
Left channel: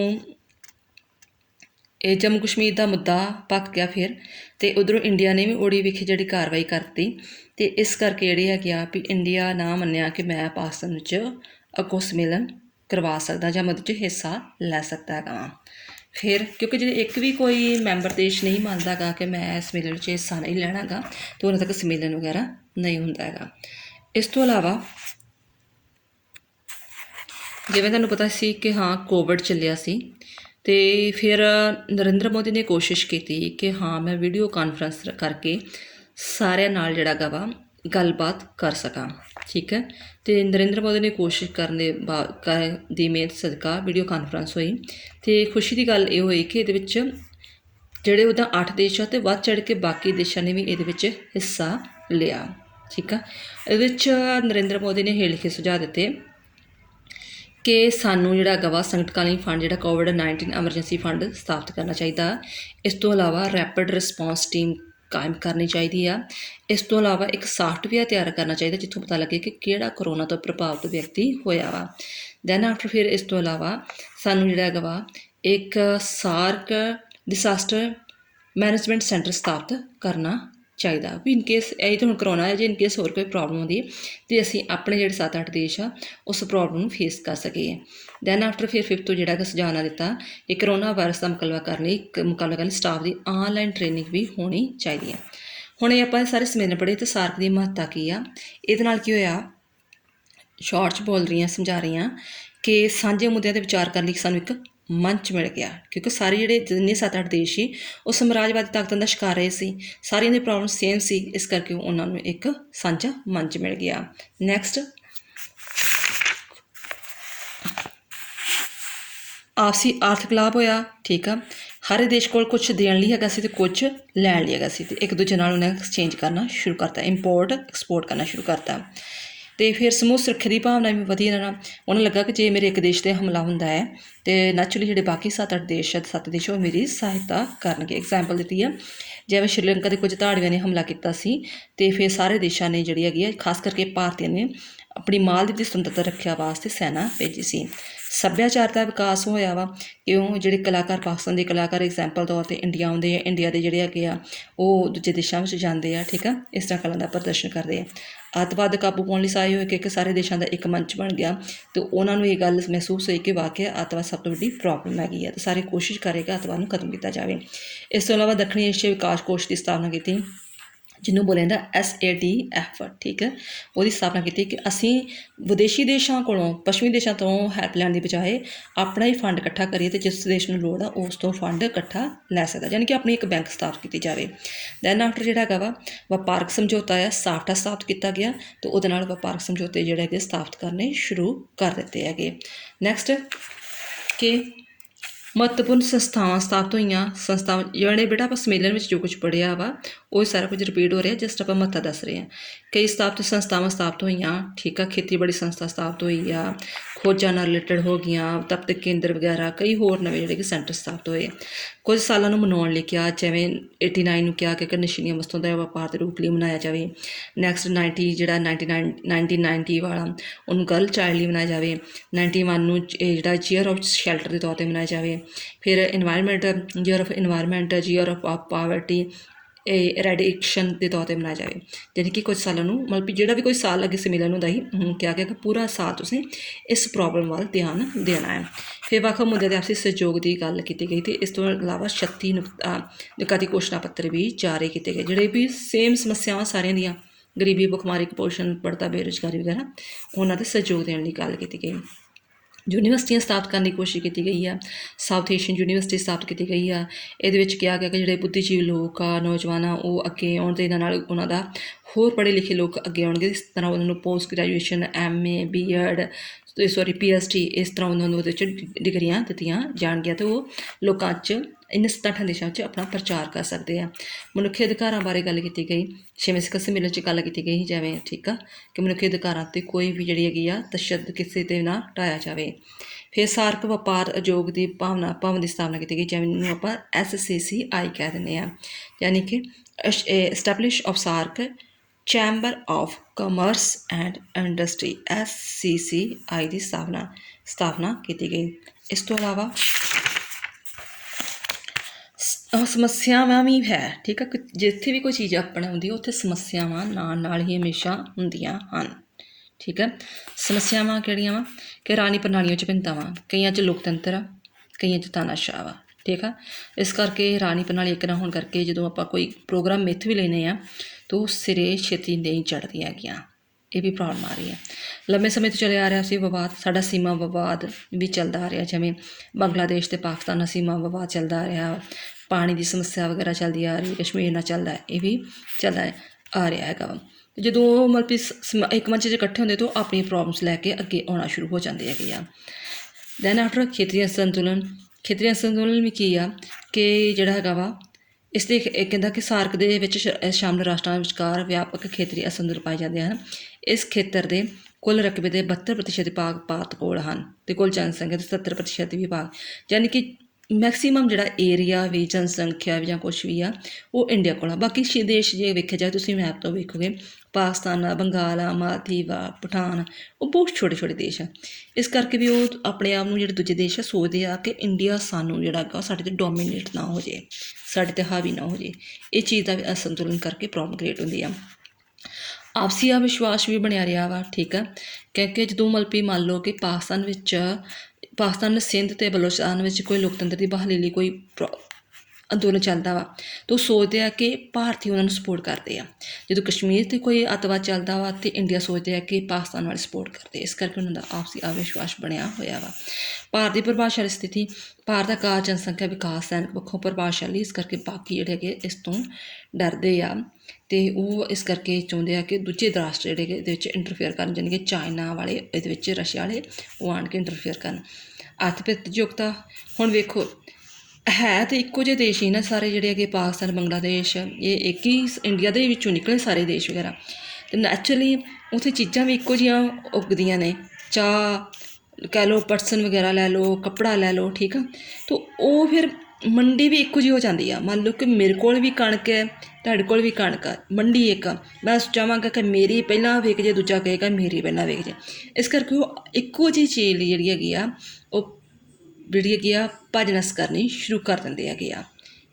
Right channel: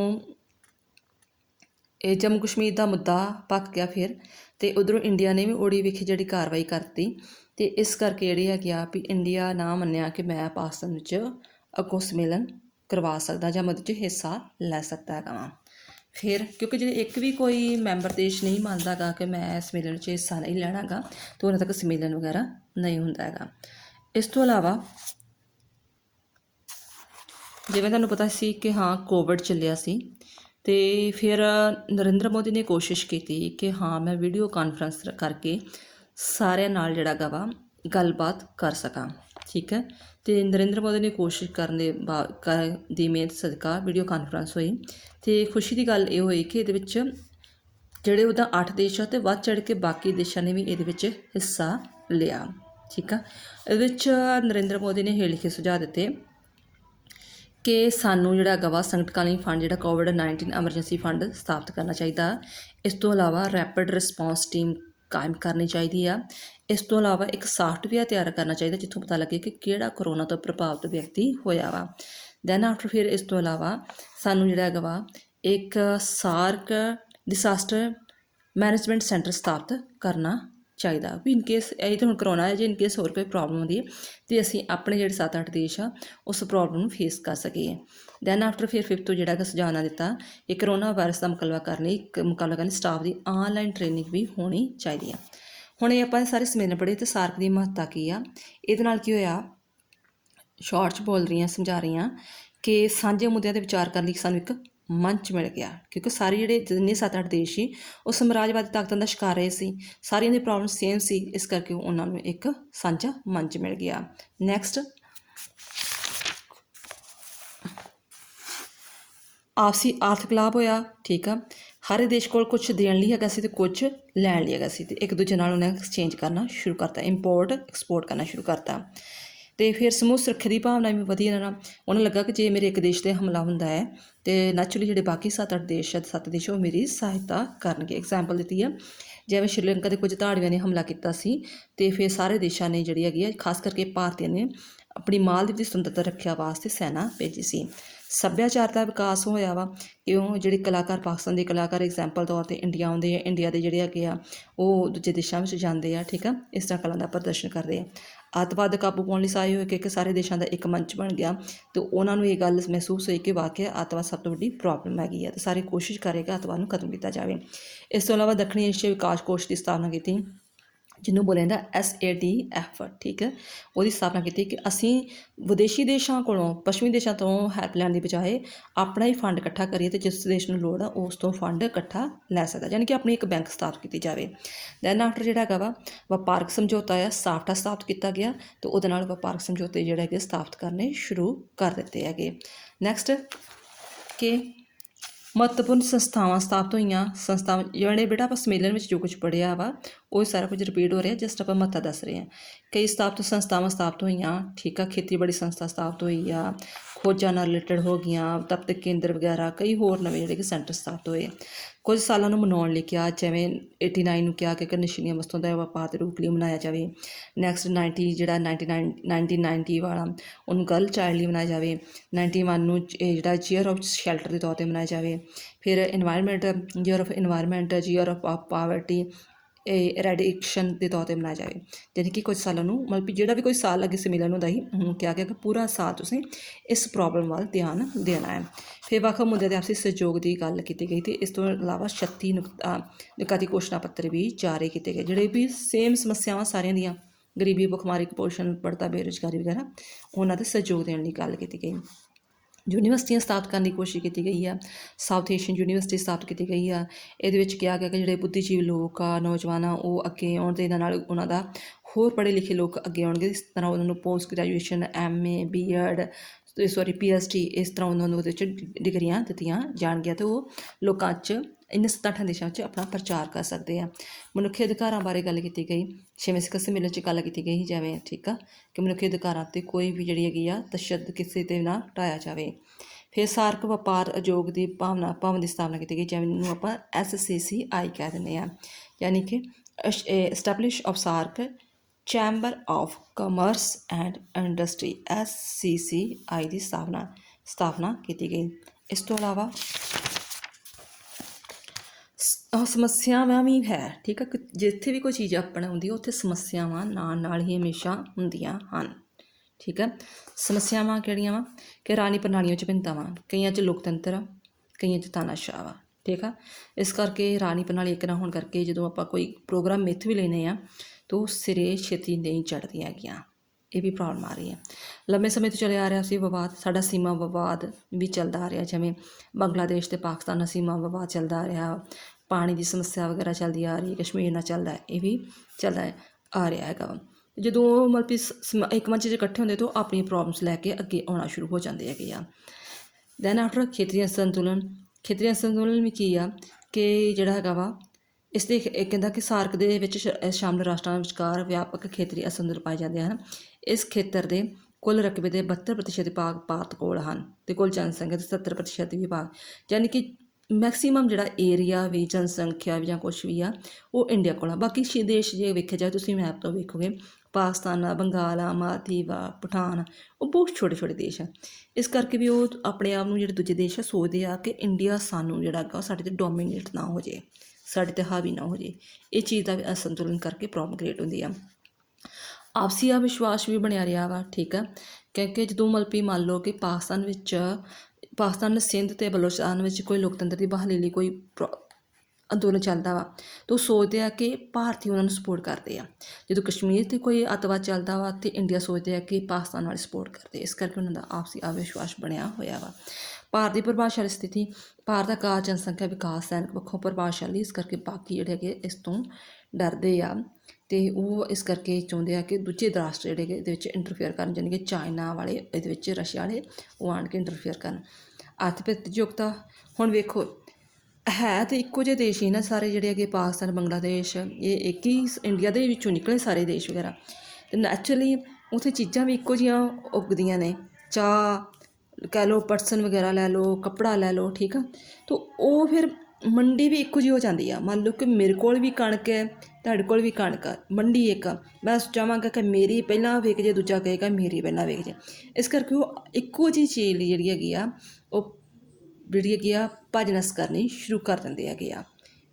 ਇਹ ਜੰਮੂ ਕਸ਼ਮੀਰ ਦਾ ਮੁੱਦਾ ਪੱਕ ਗਿਆ ਫਿਰ, ਅਤੇ ਉੱਧਰੋਂ ਇੰਡੀਆ ਨੇ ਵੀ ਓੜੀ ਵਿਖੇ ਜਿਹੜੀ ਕਾਰਵਾਈ ਕਰਤੀ, ਅਤੇ ਇਸ ਕਰਕੇ ਜਿਹੜੇ ਹੈਗੇ ਆ ਵੀ ਇੰਡੀਆ ਨਾ ਮੰਨਿਆ ਕਿ ਮੈਂ ਪਾਕਿਸਤਾਨ ਵਿੱਚ ਅੱਗੋਂ ਸੰਮੇਲਨ ਕਰਵਾ ਸਕਦਾ ਜਾਂ ਮੈਂ ਉਹਦੇ 'ਚ ਹਿੱਸਾ ਲੈ ਸਕਦਾ ਹੈਗਾ ਵਾਂ। ਫਿਰ ਕਿਉਂਕਿ ਜੇ ਇੱਕ ਵੀ ਕੋਈ ਮੈਂਬਰ ਦੇਸ਼ ਨਹੀਂ ਮੰਨਦਾ ਗਾ ਕਿ ਮੈਂ ਇਸ ਸੰਮੇਲਨ 'ਚ ਹਿੱਸਾ ਨਹੀਂ ਲੈਣਾ ਗਾ, ਤਾਂ ਉਦੋਂ ਤੱਕ ਸੰਮੇਲਨ ਵਗੈਰਾ ਨਹੀਂ ਹੁੰਦਾ ਹੈਗਾ। ਇਸ ਤੋਂ ਇਲਾਵਾ ਜਿਵੇਂ ਤੁਹਾਨੂੰ ਪਤਾ ਸੀ ਕਿ ਹਾਂ ਕੋਵਿਡ ਚੱਲਿਆ ਸੀ, ਅਤੇ ਫਿਰ ਨਰਿੰਦਰ ਮੋਦੀ ਨੇ ਕੋਸ਼ਿਸ਼ ਕੀਤੀ ਕਿ ਹਾਂ ਮੈਂ ਵੀਡੀਓ ਕਾਨਫਰੰਸ ਕਰਕੇ ਸਾਰਿਆਂ ਨਾਲ ਜਿਹੜਾ ਹੈਗਾ ਵਾ ਗੱਲਬਾਤ ਕਰ ਸਕਾਂ। ਠੀਕ ਹੈ। ਅਤੇ ਨਰਿੰਦਰ ਮੋਦੀ ਨੇ ਕੋਸ਼ਿਸ਼ ਕਰਨ ਦੀ ਮਿਹਨਤ ਸਦਕਾ ਵੀਡੀਓ ਕਾਨਫਰੰਸ ਹੋਈ, ਅਤੇ ਖੁਸ਼ੀ ਦੀ ਗੱਲ ਇਹ ਹੋਈ ਕਿ ਇਹਦੇ ਵਿੱਚ ਜਿਹੜੇ ਉਹਦਾ 8 ਦੇਸ਼ ਆ ਅਤੇ ਵੱਧ ਚੜ੍ਹ ਕੇ ਬਾਕੀ ਦੇਸ਼ਾਂ ਨੇ ਵੀ ਇਹਦੇ ਵਿੱਚ ਹਿੱਸਾ ਲਿਆ। ਠੀਕ ਆ। ਇਹਦੇ ਵਿੱਚ ਨਰਿੰਦਰ ਮੋਦੀ ਨੇ ਹੇਠ ਲਿਖੇ ਸੁਝਾਅ ਦਿੱਤੇ ਕਿ ਸਾਨੂੰ ਜਿਹੜਾ ਹੈਗਾ ਵਾ ਸੰਕਟਕਾਲੀਨ ਫੰਡ ਜਿਹੜਾ ਕੋਵਿਡ-19 ਐਮਰਜੈਂਸੀ ਫੰਡ ਸਥਾਪਿਤ ਕਰਨਾ ਚਾਹੀਦਾ। ਇਸ ਤੋਂ ਇਲਾਵਾ ਰੈਪਿਡ ਰਿਸਪੌਂਸ ਟੀਮ ਕਾਇਮ ਕਰਨੀ ਚਾਹੀਦੀ ਆ। ਇਸ ਤੋਂ ਇਲਾਵਾ ਇੱਕ ਸਾਫਟਵੇਅਰ ਤਿਆਰ ਕਰਨਾ ਚਾਹੀਦਾ ਜਿੱਥੋਂ ਪਤਾ ਲੱਗੇ ਕਿ ਕਿਹੜਾ ਕਰੋਨਾ ਤੋਂ ਪ੍ਰਭਾਵਿਤ ਵਿਅਕਤੀ ਹੋਇਆ ਵਾ। ਦੈਨ ਆਫਟਰ ਫਿਰ ਇਸ ਤੋਂ ਇਲਾਵਾ ਸਾਨੂੰ ਜਿਹੜਾ ਹੈਗਾ ਵਾ ਇੱਕ ਸਾਰਕ ਡਿਸਾਸਟਰ ਮੈਨੇਜਮੈਂਟ ਸੈਂਟਰ ਸਥਾਪਿਤ ਕਰਨਾ ਚਾਹੀਦਾ ਵੀ ਇਨ ਕੇਸ ਇਹ ਤਾਂ ਹੁਣ ਕਰੋਨਾ ਹੈ, ਜੇ ਇਨ ਕੇਸ ਹੋਰ ਕੋਈ ਪ੍ਰੋਬਲਮ ਆਉਂਦੀ ਹੈ ਅਤੇ ਅਸੀਂ ਆਪਣੇ ਜਿਹੜੇ 7-8 ਦੇਸ਼ ਆ ਉਸ ਪ੍ਰੋਬਲਮ ਨੂੰ ਫੇਸ ਕਰ ਸਕੀਏ। ਦੈਨ ਆਫਟਰ ਫਿਰ 5th ਤੋਂ ਜਿਹੜਾ ਕਿ ਸੁਝਾਅ ਨਾਲ ਦਿੱਤਾ ਕਿ ਕਰੋਨਾ ਵਾਇਰਸ ਦਾ ਮੁਕਾਬਲਾ ਕਰਨ ਲਈ ਸਟਾਫ ਦੀ ਆਨਲਾਈਨ ਟ੍ਰੇਨਿੰਗ ਵੀ ਹੋਣੀ ਚਾਹੀਦੀ ਹੈ। ਹੁਣ ਇਹ ਆਪਾਂ ਸਾਰੇ ਸੰਮੇਲਨ ਪੜ੍ਹੇ ਅਤੇ ਸਾਰਕ ਦੀ ਮਹੱਤਤਾ ਕੀ ਆ। ਇਹਦੇ ਨਾਲ ਕੀ ਹੋਇਆ, ਸ਼ਾਰਟ 'ਚ ਬੋਲ ਰਹੀਆਂ ਸਮਝਾ ਰਹੀਆਂ ਕਿ ਸਾਂਝੇ ਮੁੱਦਿਆਂ 'ਤੇ ਵਿਚਾਰ ਕਰਨ ਲਈ ਸਾਨੂੰ ਇੱਕ ਮੰਚ ਮਿਲ ਗਿਆ, ਕਿਉਂਕਿ ਸਾਰੇ ਜਿਹੜੇ ਜਿੰਨੇ 7-8 ਦੇਸ਼ ਸੀ ਉਹ ਸਾਮਰਾਜਵਾਦੀ ਤਾਕਤਾਂ ਦਾ ਸ਼ਿਕਾਰ ਰਹੇ ਸੀ, ਸਾਰਿਆਂ ਦੀ ਪ੍ਰੋਬਲਮ ਸੇਮ ਸੀ, ਇਸ ਕਰਕੇ ਉਹਨਾਂ ਨੂੰ ਇੱਕ ਸਾਂਝਾ ਮੰਚ ਮਿਲ ਗਿਆ। ਨੈਕਸਟ ਆਪਸੀ ਆਰਥਿਕ ਲਾਭ ਹੋਇਆ। ਠੀਕ ਆ। ਹਰ ਦੇਸ਼ ਕੋਲ ਕੁਛ ਦੇਣ ਲਈ ਹੈਗਾ ਸੀ ਅਤੇ ਕੁਛ ਲੈਣ ਲਈ ਹੈਗਾ ਸੀ, ਅਤੇ ਇੱਕ ਦੂਜੇ ਨਾਲ ਉਹਨੇ ਐਕਸਚੇਂਜ ਕਰਨਾ ਸ਼ੁਰੂ ਕਰਤਾ, ਇੰਪੋਰਟ ਐਕਸਪੋਰਟ ਕਰਨਾ ਸ਼ੁਰੂ ਕਰਤਾ। ਅਤੇ ਫਿਰ ਸਮੂਹ ਸੁਰੱਖਿਆ ਦੀ ਭਾਵਨਾ ਵੀ ਵਧੀਆ ਰਹਿਣਾ। ਉਹਨੂੰ ਲੱਗਾ ਕਿ ਜੇ ਮੇਰੇ ਇੱਕ ਦੇਸ਼ 'ਤੇ ਹਮਲਾ ਹੁੰਦਾ ਹੈ ਅਤੇ ਨੈਚੁਰਲੀ ਜਿਹੜੇ ਬਾਕੀ 7-8 ਦੇਸ਼ 7 ਦੇਸ਼ ਉਹ ਮੇਰੀ ਸਹਾਇਤਾ ਕਰਨਗੇ। ਐਗਜ਼ਾਮਪਲ ਦਿੱਤੀ ਆ, ਜਿਵੇਂ ਸ਼੍ਰੀਲੰਕਾ ਦੇ ਕੁਝ ਧਾੜਵੀਆਂ ਨੇ ਹਮਲਾ ਕੀਤਾ ਸੀ ਅਤੇ ਫਿਰ ਸਾਰੇ ਦੇਸ਼ਾਂ ਨੇ ਜਿਹੜੀ ਹੈਗੀ ਆ, ਖਾਸ ਕਰਕੇ ਭਾਰਤੀਆਂ ਨੇ ਆਪਣੀ ਮਾਲਦੀਵ ਦੀ ਸੁਤੰਤਰਤਾ ਰੱਖਿਆ ਵਾਸਤੇ ਸੈਨਾ ਭੇਜੀ ਸੀ। ਸੱਭਿਆਚਾਰ ਦਾ ਵਿਕਾਸ ਹੋਇਆ ਵਾ, ਕਿਉਂ ਜਿਹੜੇ ਕਲਾਕਾਰ ਪਾਕਿਸਤਾਨ ਦੇ ਕਲਾਕਾਰ ਐਗਜ਼ਾਮਪਲ ਤੌਰ 'ਤੇ ਇੰਡੀਆ ਆਉਂਦੇ ਆ, ਇੰਡੀਆ ਦੇ ਜਿਹੜੇ ਹੈਗੇ ਆ ਉਹ ਦੂਜੇ ਦੇਸ਼ਾਂ ਵਿੱਚ ਜਾਂਦੇ ਆ, ਠੀਕ ਆ, ਇਸ ਤਰ੍ਹਾਂ ਕਲਾ ਦਾ ਪ੍ਰਦਰਸ਼ਨ ਕਰਦੇ ਆ। ਅੱਤਵਾਦ ਕਾਬੂ ਪਾਉਣ ਲਈ ਸਾਰੇ ਹੋਏ ਕਿ ਸਾਰੇ ਦੇਸ਼ਾਂ ਦਾ ਇੱਕ ਮੰਚ ਬਣ ਗਿਆ ਅਤੇ ਉਹਨਾਂ ਨੂੰ ਇਹ ਗੱਲ ਮਹਿਸੂਸ ਹੋਈ ਕਿ ਵਾਕਿਆ ਅੱਤਵਾਦ ਸਭ ਤੋਂ ਵੱਡੀ ਪ੍ਰੋਬਲਮ ਹੈਗੀ ਆ, ਅਤੇ ਸਾਰੇ ਕੋਸ਼ਿਸ਼ ਕਰੇ ਕਿ ਅੱਤਵਾਦ ਨੂੰ ਖਤਮ ਕੀਤਾ ਜਾਵੇ। ਇਸ ਤੋਂ ਇਲਾਵਾ ਦੱਖਣੀ ਏਸ਼ੀਆ ਵਿਕਾਸ ਕੋਸ਼ ਦੀ ਸਥਾਪਨਾ ਕੀਤੀ, ਜਿਹਨੂੰ ਬੋਲਿਆ ਜਾਂਦਾ SADF, ਠੀਕ ਹੈ। ਉਹਦੀ ਸਥਾਪਨਾ ਕੀਤੀ ਕਿ ਅਸੀਂ ਵਿਦੇਸ਼ੀ ਦੇਸ਼ਾਂ ਕੋਲੋਂ, ਪੱਛਮੀ ਦੇਸ਼ਾਂ ਤੋਂ ਹੈਲਪ ਲੈਣ ਦੀ ਬਜਾਏ ਆਪਣਾ ਹੀ ਫੰਡ ਇਕੱਠਾ ਕਰੀਏ ਅਤੇ ਜਿਸ ਦੇਸ਼ ਨੂੰ ਲੋੜ ਆ ਉਸ ਤੋਂ ਫੰਡ ਇਕੱਠਾ ਲੈ ਸਕਦਾ, ਯਾਨੀ ਕਿ ਆਪਣੀ ਇੱਕ ਬੈਂਕ ਸਥਾਪਿਤ ਕੀਤੀ ਜਾਵੇ। ਦੈਨ ਆਫਟਰ ਜਿਹੜਾ ਹੈਗਾ ਵਾ ਵਪਾਰਕ ਸਮਝੌਤਾ ਆ ਸਾਫਟਾ ਸਥਾਪਿਤ ਕੀਤਾ ਗਿਆ ਅਤੇ ਉਹਦੇ ਨਾਲ ਵਪਾਰਕ ਸਮਝੌਤੇ ਜਿਹੜੇ ਹੈਗੇ ਸਥਾਪਿਤ ਕਰਨੇ ਸ਼ੁਰੂ ਕਰ ਦਿੱਤੇ ਹੈਗੇ। ਨੈਕਸਟ ਕਿ ਮਹੱਤਵਪੂਰਨ ਸੰਸਥਾਵਾਂ ਸਥਾਪਿਤ ਹੋਈਆਂ। ਸੰਸਥਾਵਾਂ ਜਿਹੜੇ ਬੇਟਾ ਆਪਾਂ ਸੰਮੇਲਨ ਵਿੱਚ ਜੋ ਕੁਝ ਪੜ੍ਹਿਆ ਵਾ ਉਹ ਸਾਰਾ ਕੁਝ ਰਿਪੀਟ ਹੋ ਰਿਹਾ, ਜਸਟ ਆਪਾਂ ਮਹੱਤਤਾ ਦੱਸ ਰਹੇ ਹਾਂ। ਕਈ ਸਥਾਪਿਤ ਸੰਸਥਾਵਾਂ ਸਥਾਪਿਤ ਹੋਈਆਂ, ਠੀਕ ਆ। ਖੇਤੀਬਾੜੀ ਸੰਸਥਾ ਸਥਾਪਿਤ ਹੋਈ ਆ, ਖੋਜਾਂ ਨਾਲ ਰਿਲੇਟਡ ਹੋ ਗਈਆਂ, ਤਪਤ ਕੇਂਦਰ ਵਗੈਰਾ, ਕਈ ਹੋਰ ਨਵੇਂ ਜਿਹੜੇ ਕਿ ਸੈਂਟਰ ਸਥਾਪਿਤ ਹੋਏ। ਕੁਝ ਸਾਲਾਂ ਨੂੰ ਮਨਾਉਣ ਲਈ ਕਿਹਾ, ਜਿਵੇਂ 89 ਨੂੰ ਕਿਹਾ ਕਿ ਨਸ਼ੀਲੀਆਂ ਵਸਤੂਆਂ ਦਾ ਵਪਾਰ ਦੇ ਰੂਪ ਲਈ ਮਨਾਇਆ ਜਾਵੇ। ਨੈਕਸਟ 1990 ਵਾਲਾ ਉਹਨੂੰ ਗਰਲ ਚਾਈਲਡ ਲਈ ਮਨਾਇਆ ਜਾਵੇ। 91 ਨੂੰ ਜਿਹੜਾ ਜੀਅਰ ਆਫ ਸ਼ੈਲਟਰ ਦੇ ਤੌਰ 'ਤੇ ਮਨਾਇਆ ਜਾਵੇ। ਫਿਰ environment, year of environment, year of poverty reduction ਦੇ ਤੌਰ 'ਤੇ ਮਨਾਇਆ ਜਾਵੇ। ਯਾਨੀ ਕਿ ਕੁਝ ਸਾਲਾਂ ਨੂੰ ਮਤਲਬ ਜਿਹੜਾ ਵੀ ਕੋਈ ਸਾਲ ਅੱਗੇ ਸੰਮੇਲਨ ਹੁੰਦਾ ਸੀ, ਹੁਣ ਕਿਹਾ ਗਿਆ ਕਿ ਪੂਰਾ ਸਾਲ ਤੁਸੀਂ ਇਸ ਪ੍ਰੋਬਲਮ ਵੱਲ ਧਿਆਨ ਦੇਣਾ ਹੈ। ਫਿਰ ਵੱਖ ਮੁੱਦਿਆਂ ਦੇ ਆਪਸੀ ਸਹਿਯੋਗ ਦੀ ਗੱਲ ਕੀਤੀ ਗਈ ਅਤੇ ਇਸ ਤੋਂ ਇਲਾਵਾ 36 ਨਿਕਾਤੀ ਘੋਸ਼ਣਾ ਪੱਤਰ ਵੀ ਜਾਰੀ ਕੀਤੇ ਗਏ, ਜਿਹੜੇ ਵੀ ਸੇਮ ਸਮੱਸਿਆਵਾਂ ਸਾਰਿਆਂ ਦੀਆਂ, ਗਰੀਬੀ, ਭੁੱਖਮਾਰੀ, ਕੁਪੋਸ਼ਣ, ਪੜਤਾ, ਬੇਰੁਜ਼ਗਾਰੀ ਵਗੈਰਾ, ਉਹਨਾਂ ਦੇ ਸਹਿਯੋਗ ਦੇਣ ਦੀ ਗੱਲ ਕੀਤੀ ਗਈ। ਯੂਨੀਵਰਸਿਟੀਆਂ ਸਥਾਪਿਤ ਕਰਨ ਦੀ ਕੋਸ਼ਿਸ਼ ਕੀਤੀ ਗਈ ਆ। ਸਾਊਥ ਏਸ਼ੀਅਨ ਯੂਨੀਵਰਸਿਟੀ ਸਥਾਪਿਤ ਕੀਤੀ ਗਈ ਆ। ਇਹਦੇ ਵਿੱਚ ਕਿਹਾ ਗਿਆ ਕਿ ਜਿਹੜੇ ਬੁੱਧੀਜੀਵੀ ਲੋਕ ਆ, ਨੌਜਵਾਨ ਆ, ਉਹ ਅੱਗੇ ਆਉਣ ਅਤੇ ਇਹਨਾਂ ਨਾਲ ਉਹਨਾਂ ਦਾ ਹੋਰ ਪੜ੍ਹੇ ਲਿਖੇ ਲੋਕ ਅੱਗੇ ਆਉਣਗੇ। ਇਸ ਤਰ੍ਹਾਂ ਉਹਨਾਂ ਨੂੰ post graduation, MA, BEd, PhD, ਇਸ ਤਰ੍ਹਾਂ ਉਹਨਾਂ ਨੂੰ ਉਹਦੇ 'ਚ ਡਿਗਰੀਆਂ ਦਿੱਤੀਆਂ ਜਾਣਗੀਆਂ ਅਤੇ ਉਹ ਲੋਕਾਂ 'ਚ ਇਹਨਾਂ 67 ਦੇਸ਼ਾਂ ਵਿੱਚ ਆਪਣਾ ਪ੍ਰਚਾਰ ਕਰ ਸਕਦੇ ਆ। ਮਨੁੱਖੀ ਅਧਿਕਾਰਾਂ ਬਾਰੇ ਗੱਲ ਕੀਤੀ ਗਈ। 6ਵੇਂ ਸਿਖਰ ਸੰਮੇਲਨ 'ਚ ਗੱਲ ਕੀਤੀ ਗਈ, ਜਿਵੇਂ ਠੀਕ ਆ ਕਿ ਮਨੁੱਖੀ ਅਧਿਕਾਰਾਂ 'ਤੇ ਕੋਈ ਵੀ ਜਿਹੜੀ ਹੈਗੀ ਆ ਤਸ਼ੱਦਦ ਕਿਸੇ 'ਤੇ ਨਾ ਢਾਇਆ ਜਾਵੇ। ਫਿਰ ਸਾਰਕ ਵਪਾਰ ਉਦਯੋਗ ਦੀ ਭਵਨ ਦੀ ਸਥਾਪਨਾ ਕੀਤੀ ਗਈ, ਜਿਵੇਂ ਨੂੰ ਆਪਾਂ SCCI ਕਹਿ ਦਿੰਦੇ ਹਾਂ, ਯਾਨੀ ਕਿ establish of SAARC chamber of commerce and industry, SCCI ਦੀ ਸਥਾਪਨਾ ਕੀਤੀ ਗਈ। ਇਸ ਤੋਂ ਇਲਾਵਾ ਸਮੱਸਿਆਵਾਂ ਵੀ ਹੈ, ਠੀਕ ਆ। ਜਿੱਥੇ ਵੀ ਕੋਈ ਚੀਜ਼ ਆਪਣਾ ਹੁੰਦੀ ਉੱਥੇ ਸਮੱਸਿਆਵਾਂ ਨਾਲ ਹੀ ਹਮੇਸ਼ਾ ਹੁੰਦੀਆਂ ਹਨ, ਠੀਕ ਹੈ। ਸਮੱਸਿਆਵਾਂ ਕਿਹੜੀਆਂ ਵਾ ਕਿ ਰਾਣੀ ਪ੍ਰਣਾਲੀਆਂ 'ਚ ਭਿੰਨਤਾਵਾਂ, ਕਈਆਂ 'ਚ ਲੋਕਤੰਤਰ ਆ, ਕਈਆਂ 'ਚ ਤਾਨਾਸ਼ਾਹ ਵਾ, ਠੀਕ ਆ। ਇਸ ਕਰਕੇ ਰਾਣੀ ਪ੍ਰਣਾਲੀ ਇੱਕ ਨਾ ਹੋਣ ਕਰਕੇ ਜਦੋਂ ਆਪਾਂ ਕੋਈ ਪ੍ਰੋਗਰਾਮ ਮਿੱਥ ਵੀ ਲੈਂਦੇ ਹਾਂ ਤਾਂ ਉਹ ਸਿਰੇ ਛੇਤੀ ਨਹੀਂ ਚੜ੍ਹਦੀਆਂ ਹੈਗੀਆਂ, ਇਹ ਵੀ ਪ੍ਰੋਬਲਮ ਆ ਰਹੀ ਹੈ। ਲੰਬੇ ਸਮੇਂ ਤੋਂ ਚੱਲਿਆ ਆ ਰਿਹਾ ਸੀ ਵਿਵਾਦ, ਸਾਡਾ ਸੀਮਾ ਵਿਵਾਦ ਵੀ ਚੱਲਦਾ ਆ ਰਿਹਾ, ਜਿਵੇਂ ਬੰਗਲਾਦੇਸ਼ ਅਤੇ ਪਾਕਿਸਤਾਨ ਨਾਲ ਸੀਮਾ ਵਿਵਾਦ ਚੱਲਦਾ ਆ ਰਿਹਾ, ਪਾਣੀ ਦੀ ਸਮੱਸਿਆ ਵਗੈਰਾ ਚੱਲਦੀ ਆ ਰਹੀ, ਕਸ਼ਮੀਰ ਨਾਲ ਚੱਲਦਾ, ਇਹ ਵੀ ਚੱਲਦਾ ਆ ਰਿਹਾ ਹੈਗਾ। ਜਦੋਂ ਉਹ ਮਤਲਬ ਕਿ ਇੱਕ ਮੰਚ 'ਚ ਇਕੱਠੇ ਹੁੰਦੇ ਤਾਂ ਉਹ ਆਪਣੀ ਪ੍ਰੋਬਲਮਸ ਲੈ ਕੇ ਅੱਗੇ ਆਉਣਾ ਸ਼ੁਰੂ ਹੋ ਜਾਂਦੇ ਹੈਗੇ ਆ। ਦੈਨ ਆਫਟਰ ਖੇਤਰੀ ਸੰਤੁਲਨ ਵੀ ਕੀ ਆ ਕਿ ਜਿਹੜਾ ਹੈਗਾ ਵਾ ਇਸ ਦੇ ਕਹਿੰਦਾ ਕਿ ਸਾਰਕ ਦੇ ਵਿੱਚ ਸ਼ਾਮਲ ਰਾਸ਼ਟਰਾਂ ਵਿਚਕਾਰ ਵਿਆਪਕ ਖੇਤਰੀ ਅਸੰਤੁਲਨ ਪਾਏ ਜਾਂਦੇ ਹਨ। ਇਸ ਖੇਤਰ ਦੇ ਕੁੱਲ ਰਕਬੇ ਦੇ 72% ਭਾਗ ਭਾਰਤ ਕੋਲ ਹਨ ਅਤੇ ਕੁੱਲ ਜਨਸੰਖਿਆ ਦੇ 70% ਵੀ ਭਾਗ, ਯਾਨੀ ਕਿ ਮੈਕਸੀਮਮ ਜਿਹੜਾ ਏਰੀਆ ਵੀ, ਜਨਸੰਖਿਆ ਵੀ ਜਾਂ ਕੁਛ ਵੀ ਆ ਉਹ ਇੰਡੀਆ ਕੋਲ ਆ। ਬਾਕੀ ਦੇਸ਼ ਜੇ ਵੇਖਿਆ ਜਾਏ, ਤੁਸੀਂ ਮੈਪ ਤੋਂ ਵੇਖੋਗੇ, ਪਾਕਿਸਤਾਨ ਆ, ਬੰਗਾਲ ਆ, ਮਾਲਦੀਵ ਆ, ਭੂਟਾਨ, ਉਹ ਬਹੁਤ ਛੋਟੇ ਛੋਟੇ ਦੇਸ਼ ਆ। ਇਸ ਕਰਕੇ ਵੀ ਉਹ ਆਪਣੇ ਆਪ ਨੂੰ ਜਿਹੜੇ ਦੂਜੇ ਦੇਸ਼ ਆ ਸੋਚਦੇ ਆ ਕਿ ਇੰਡੀਆ ਸਾਨੂੰ ਜਿਹੜਾ ਹੈਗਾ ਸਾਡੇ 'ਤੇ ਡੋਮੀਨੇਟ ਨਾ ਹੋ ਜਾਏ, ਸਾਡੇ 'ਤੇ ਹਾਵੀ ਨਾ ਹੋ ਜਾਏ। ਇਹ ਚੀਜ਼ ਦਾ ਵੀ ਅਸੰਤੁਲਨ ਕਰਕੇ ਪ੍ਰੋਬਲਮ ਕ੍ਰੀਏਟ ਹੁੰਦੀ ਆ। ਆਪਸੀ ਅਵਿਸ਼ਵਾਸ ਵੀ ਬਣਿਆ ਰਿਹਾ ਵਾ, ਠੀਕ ਆ। ਕਿਉਂਕਿ ਜਦੋਂ ਮੰਨ ਲਓ ਕਿ ਪਾਕਿਸਤਾਨ ਸਿੰਧ ਅਤੇ ਬਲੋਚਿਸਤਾਨ ਵਿੱਚ ਕੋਈ ਲੋਕਤੰਤਰ ਦੀ ਬਹਾਲੀ ਲਈ ਕੋਈ ਅੰਦੋਲਨ ਚੱਲਦਾ ਵਾ ਤਾਂ ਉਹ ਸੋਚਦੇ ਆ ਕਿ ਭਾਰਤੀ ਉਹਨਾਂ ਨੂੰ ਸਪੋਰਟ ਕਰਦੇ ਆ। ਜਦੋਂ ਕਸ਼ਮੀਰ 'ਤੇ ਕੋਈ ਅੱਤਵਾਦ ਚੱਲਦਾ ਵਾ ਅਤੇ ਇੰਡੀਆ ਸੋਚਦੇ ਆ ਕਿ ਪਾਕਿਸਤਾਨ ਵਾਲੇ ਸਪੋਰਟ ਕਰਦੇ। ਇਸ ਕਰਕੇ ਉਹਨਾਂ ਦਾ ਆਪਸੀ ਅਵਿਸ਼ਵਾਸ ਬਣਿਆ ਹੋਇਆ ਵਾ। ਭਾਰਤ ਦੀ ਪ੍ਰਭਾਵਸ਼ਾਲੀ ਸਥਿਤੀ, ਭਾਰਤ ਦਾ ਆਕਾਰ, ਜਨਸੰਖਿਆ, ਵਿਕਾਸ ਸੈਨਿਕ ਪੱਖੋਂ ਪ੍ਰਭਾਵਸ਼ਾਲੀ, ਇਸ ਕਰਕੇ ਬਾਕੀ ਜਿਹੜੇ ਹੈਗੇ ਇਸ ਤੋਂ ਡਰਦੇ ਆ ਅਤੇ ਉਹ ਇਸ ਕਰਕੇ ਚਾਹੁੰਦੇ ਆ ਕਿ ਦੂਜੇ ਰਾਸ਼ਟਰ ਜਿਹੜੇ ਕਿ ਇਹਦੇ ਵਿੱਚ ਇੰਟਰਫੇਅਰ ਕਰਨ, ਜਾਣੀ ਕਿ ਚਾਈਨਾ ਵਾਲੇ, ਇਹਦੇ ਵਿੱਚ ਰਸ਼ੀਆ ਵਾਲੇ, ਉਹ ਆਣ ਕੇ ਇੰਟਰਫੇਅਰ ਕਰਨ। ਆਰਥਿਕ ਪ੍ਰਤੀਯੋਗਤਾ, ਹੁਣ ਵੇਖੋ ਹੈ ਤਾਂ ਇੱਕੋ ਜਿਹੇ ਦੇਸ਼ ਹੀ ਨਾ ਸਾਰੇ, ਜਿਹੜੇ ਹੈਗੇ ਪਾਕਿਸਤਾਨ, ਬੰਗਲਾਦੇਸ਼, ਇਹ ਇੱਕ ਹੀ ਇੰਡੀਆ ਦੇ ਵਿੱਚੋਂ ਨਿਕਲੇ ਸਾਰੇ ਦੇਸ਼ ਵਗੈਰਾ, ਅਤੇ ਨੈਚੁਰਲੀ ਉੱਥੇ ਚੀਜ਼ਾਂ ਵੀ ਇੱਕੋ ਜਿਹੀਆਂ ਉੱਗਦੀਆਂ ਨੇ, ਚਾਹ ਕਹਿ ਲਓ, ਪਰਸਨ ਵਗੈਰਾ ਲੈ ਲਓ, ਕੱਪੜਾ ਲੈ ਲਓ, ਠੀਕ ਆ। ਤਾਂ ਉਹ ਫਿਰ ਮੰਡੀ ਵੀ ਇੱਕੋ ਜਿਹੀ ਹੋ ਜਾਂਦੀ ਆ। ਮੰਨ ਲਓ ਕਿ ਮੇਰੇ ਕੋਲ ਵੀ ਕਣਕ ਹੈ, ਤੁਹਾਡੇ ਕੋਲ ਵੀ ਕਣਕ ਆ, ਮੰਡੀ ਇੱਕ ਆ, ਮੈਂ ਚਾਹਾਂਗਾ ਕਿ ਮੇਰੀ ਪਹਿਲਾਂ ਵਿਕ ਜੇ, ਦੂਜਾ ਕਹੇਗਾ ਮੇਰੀ ਪਹਿਲਾਂ ਵਿਕ ਜੇ। ਇਸ ਕਰਕੇ ਉਹ ਇੱਕੋ ਜਿਹੀ ਚੀਜ਼ ਲਈ ਜਿਹੜੀ ਹੈਗੀ ਆ ਉਹ ਜਿਹੜੀ ਹੈਗੀ ਆ ਭੱਜ ਨੱਸ ਕਰਨੀ ਸ਼ੁਰੂ ਕਰ ਦਿੰਦੇ ਹੈਗੇ ਆ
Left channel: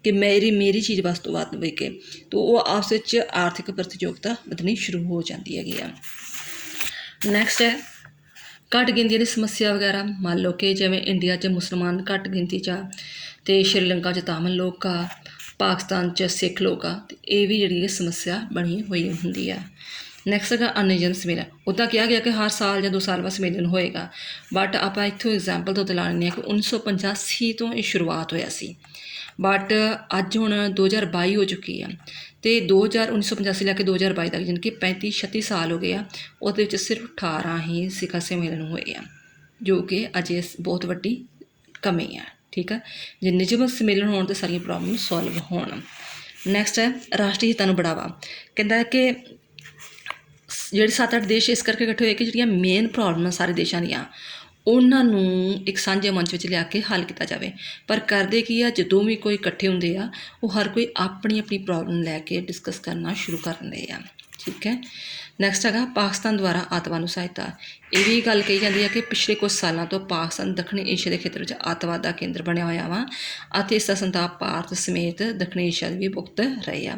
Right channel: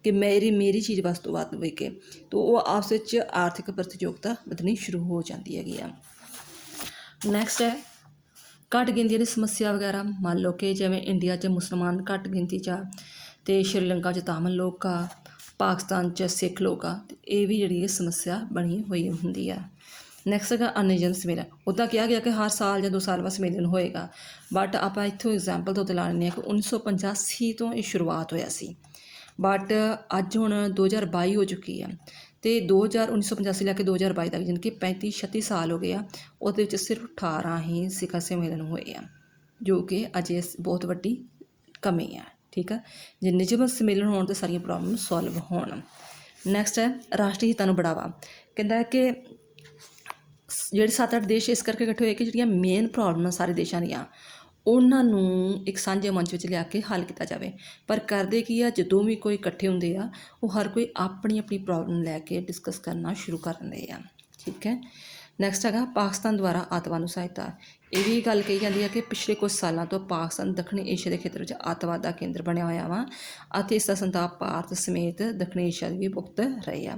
ਕਿ ਮੇਰੀ ਚੀਜ਼ ਵੱਧ ਤੋਂ ਵੱਧ ਵਿਕੇ। ਤਾਂ ਉਹ ਆਪਸ ਵਿੱਚ ਆਰਥਿਕ ਪ੍ਰਤੀਯੋਗਤਾ ਵਧਣੀ ਸ਼ੁਰੂ ਹੋ ਜਾਂਦੀ ਹੈਗੀ ਆ। ਨੈਕਸਟ ਹੈ ਘੱਟ ਗਿਣਤੀ ਦੀ ਸਮੱਸਿਆ ਵਗੈਰਾ। ਮੰਨ ਲਓ ਕਿ ਜਿਵੇਂ ਇੰਡੀਆ 'ਚ ਮੁਸਲਮਾਨ ਘੱਟ ਗਿਣਤੀ 'ਚ ਆ, ਅਤੇ ਸ਼੍ਰੀਲੰਕਾ 'ਚ ਤਾਮਿਲ ਲੋਕ ਆ, ਪਾਕਿਸਤਾਨ 'ਚ ਸਿੱਖ ਲੋਕ ਆ, ਅਤੇ ਇਹ ਵੀ ਜਿਹੜੀ ਇਹ ਸਮੱਸਿਆ ਬਣੀ ਹੋਈ ਹੁੰਦੀ ਆ। ਨੈਕਸਟ ਹੈਗਾ ਅਨਿਯਮ ਸੰਮੇਲਨ। ਉੱਦਾਂ ਕਿਹਾ ਗਿਆ ਕਿ ਹਰ ਸਾਲ ਜਾਂ 2 ਸਾਲ ਬਾਅਦ ਸੰਮੇਲਨ ਹੋਏਗਾ, ਬਟ ਆਪਾਂ ਇੱਥੋਂ ਐਗਜ਼ਾਮਪਲ ਤੋਂ ਲਾ ਲੈਂਦੇ ਹਾਂ ਕਿ 1985 ਤੋਂ ਇਹ ਸ਼ੁਰੂਆਤ ਹੋਇਆ ਸੀ, ਬਟ ਅੱਜ ਹੁਣ 2022 ਹੋ ਚੁੱਕੀ ਆ, ਅਤੇ 1985 ਲੈ ਕੇ 2022 ਤੱਕ ਯਾਨੀ ਕਿ 35-36 ਸਾਲ ਹੋ ਗਏ ਆ। ਉਹਦੇ ਵਿੱਚ ਸਿਰਫ 18 ਹੀ ਸਿਖਰ ਸੰਮੇਲਨ ਹੋਏ ਆ, ਜੋ ਕਿ ਅਜੇ ਬਹੁਤ ਵੱਡੀ ਕਮੀ ਆ। ਠੀਕ ਆ, ਜੇ ਨਿਯਮਿਤ ਸੰਮੇਲਨ ਹੋਣ ਤਾਂ ਸਾਰੀਆਂ ਪ੍ਰੋਬਲਮ ਸੋਲਵ ਹੋਣ। ਨੈਕਸਟ ਹੈ ਰਾਸ਼ਟਰੀ ਹਿੱਤਾਂ ਨੂੰ ਬੜਾਵਾ। ਕਹਿੰਦਾ ਕਿ ਜਿਹੜੇ 7-8 ਦੇਸ਼ ਇਸ ਕਰਕੇ ਇਕੱਠੇ ਹੋਏ ਕਿ ਜਿਹੜੀਆਂ ਮੇਨ ਪ੍ਰੋਬਲਮਾਂ ਸਾਰੇ ਦੇਸ਼ਾਂ ਦੀਆਂ ਉਹਨਾਂ ਨੂੰ ਇੱਕ ਸਾਂਝੇ ਮੰਚ ਵਿੱਚ ਲਿਆ ਕੇ ਹੱਲ ਕੀਤਾ ਜਾਵੇ। ਪਰ ਕਰਦੇ ਕੀ ਆ, ਜਦੋਂ ਵੀ ਕੋਈ ਇਕੱਠੇ ਹੁੰਦੇ ਆ ਉਹ ਹਰ ਕੋਈ ਆਪਣੀ ਆਪਣੀ ਪ੍ਰੋਬਲਮ ਲੈ ਕੇ ਡਿਸਕਸ ਕਰਨਾ ਸ਼ੁਰੂ ਕਰ ਦਿੰਦੇ ਆ। ਠੀਕ ਹੈ, ਨੈਕਸਟ ਹੈਗਾ ਪਾਕਿਸਤਾਨ ਦੁਆਰਾ ਅੱਤਵਾਦ ਨੂੰ ਸਹਾਇਤਾ। ਇਹ ਵੀ ਗੱਲ ਕਹੀ ਜਾਂਦੀ ਹੈ ਕਿ ਪਿਛਲੇ ਕੁਝ ਸਾਲਾਂ ਤੋਂ ਪਾਕਿਸਤਾਨ ਦੱਖਣੀ ਏਸ਼ੀਆ ਦੇ ਖੇਤਰ ਵਿੱਚ ਅੱਤਵਾਦ ਦਾ ਕੇਂਦਰ ਬਣਿਆ ਹੋਇਆ ਵਾ, ਅਤੇ ਇਸ ਦਾ ਸੰਤਾਪ ਭਾਰਤ ਸਮੇਤ ਦੱਖਣੀ ਏਸ਼ੀਆ ਦੇ ਵੀ ਭੁਗਤ ਰਹੇ ਆ।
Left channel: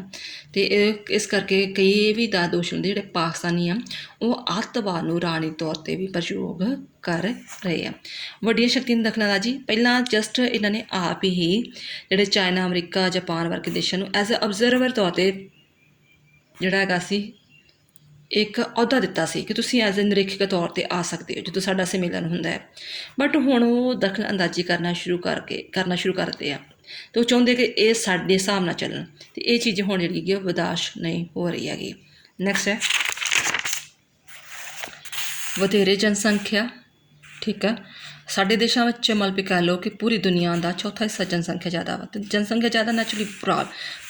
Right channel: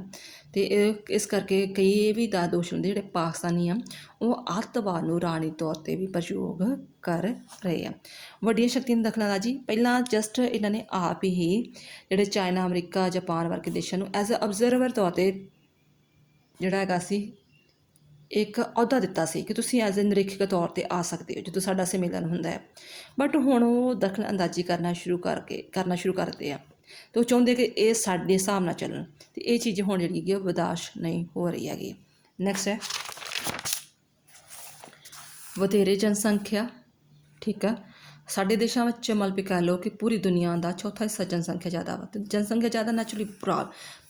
ਅਤੇ ਇਸ ਕਰਕੇ ਕਈ ਇਹ ਵੀ ਦਾ ਦੋਸ਼ ਹੁੰਦੇ ਜਿਹੜੇ ਪਾਕਿਸਤਾਨੀ ਆ ਉਹ ਅੱਤਵਾਦ ਨੂੰ ਰਾਜਨੀਤਿਕ ਤੌਰ 'ਤੇ ਵੀ ਪ੍ਰਯੋਗ ਕਰ ਰਹੇ ਆ। ਵੱਡੀਆਂ ਸ਼ਕਤੀਆਂ ਨੂੰ ਦਖਲ ਅੰਦਾਜ਼ੀ। ਪਹਿਲਾਂ ਜਸਟ ਇਹਨਾਂ ਨੇ ਆਪ ਹੀ ਜਿਹੜੇ ਚਾਈਨਾ, ਅਮਰੀਕਾ, ਜਾਪਾਨ ਵਰਗੇ ਦੇਸ਼ਾਂ ਨੂੰ ਐਜ਼ ਅ ਅਬਜ਼ਰਵਰ ਤੌਰ 'ਤੇ ਜਿਹੜਾ ਹੈਗਾ ਸੀ ਇੱਕ ਅਹੁਦਾ ਦਿੱਤਾ ਸੀ ਕਿ ਤੁਸੀਂ ਐਜ਼ ਅ ਨਿਰੀਖਕ ਤੌਰ 'ਤੇ ਆ ਸਕਦੇ ਹੋ ਜਦੋਂ ਸਾਡਾ ਸੰਮੇਲਨ ਹੁੰਦਾ ਹੈ। ਬਟ ਹੁਣ ਉਹ ਦਖਲ ਅੰਦਾਜ਼ੀ ਕਰਨਾ ਸ਼ੁਰੂ ਕਰਦੇ ਆ, ਅਤੇ ਉਹ ਚਾਹੁੰਦੇ ਕਿ ਇਹ ਸਾਡੇ ਹਿਸਾਬ ਨਾਲ ਚੱਲਣ, ਅਤੇ ਇਹ ਚੀਜ਼ ਹੁਣ ਜਿਹੜੀ ਹੈਗੀ ਉਹ ਬਰਦਾਸ਼ਤ ਨਹੀਂ ਹੋ ਰਹੀ ਹੈਗੀ। ਨੈਕਸਟ ਹੈ ਵਧੇਰੇ ਜਨਸੰਖਿਆ। ਠੀਕ ਆ, ਸਾਡੇ ਦੇਸ਼ਾਂ ਵਿੱਚ ਮਤਲਬ ਵੀ ਕਹਿ ਲਓ ਕਿ ਪੂਰੀ ਦੁਨੀਆ ਦਾ ਚੌਥਾ ਹਿੱਸਾ ਜਨਸੰਖਿਆ ਜ਼ਿਆਦਾ ਵਾ, ਅਤੇ ਜਨਸੰਖਿਆ ਜ਼ਿਆਦਾ ਨੈਚੁਰਲੀ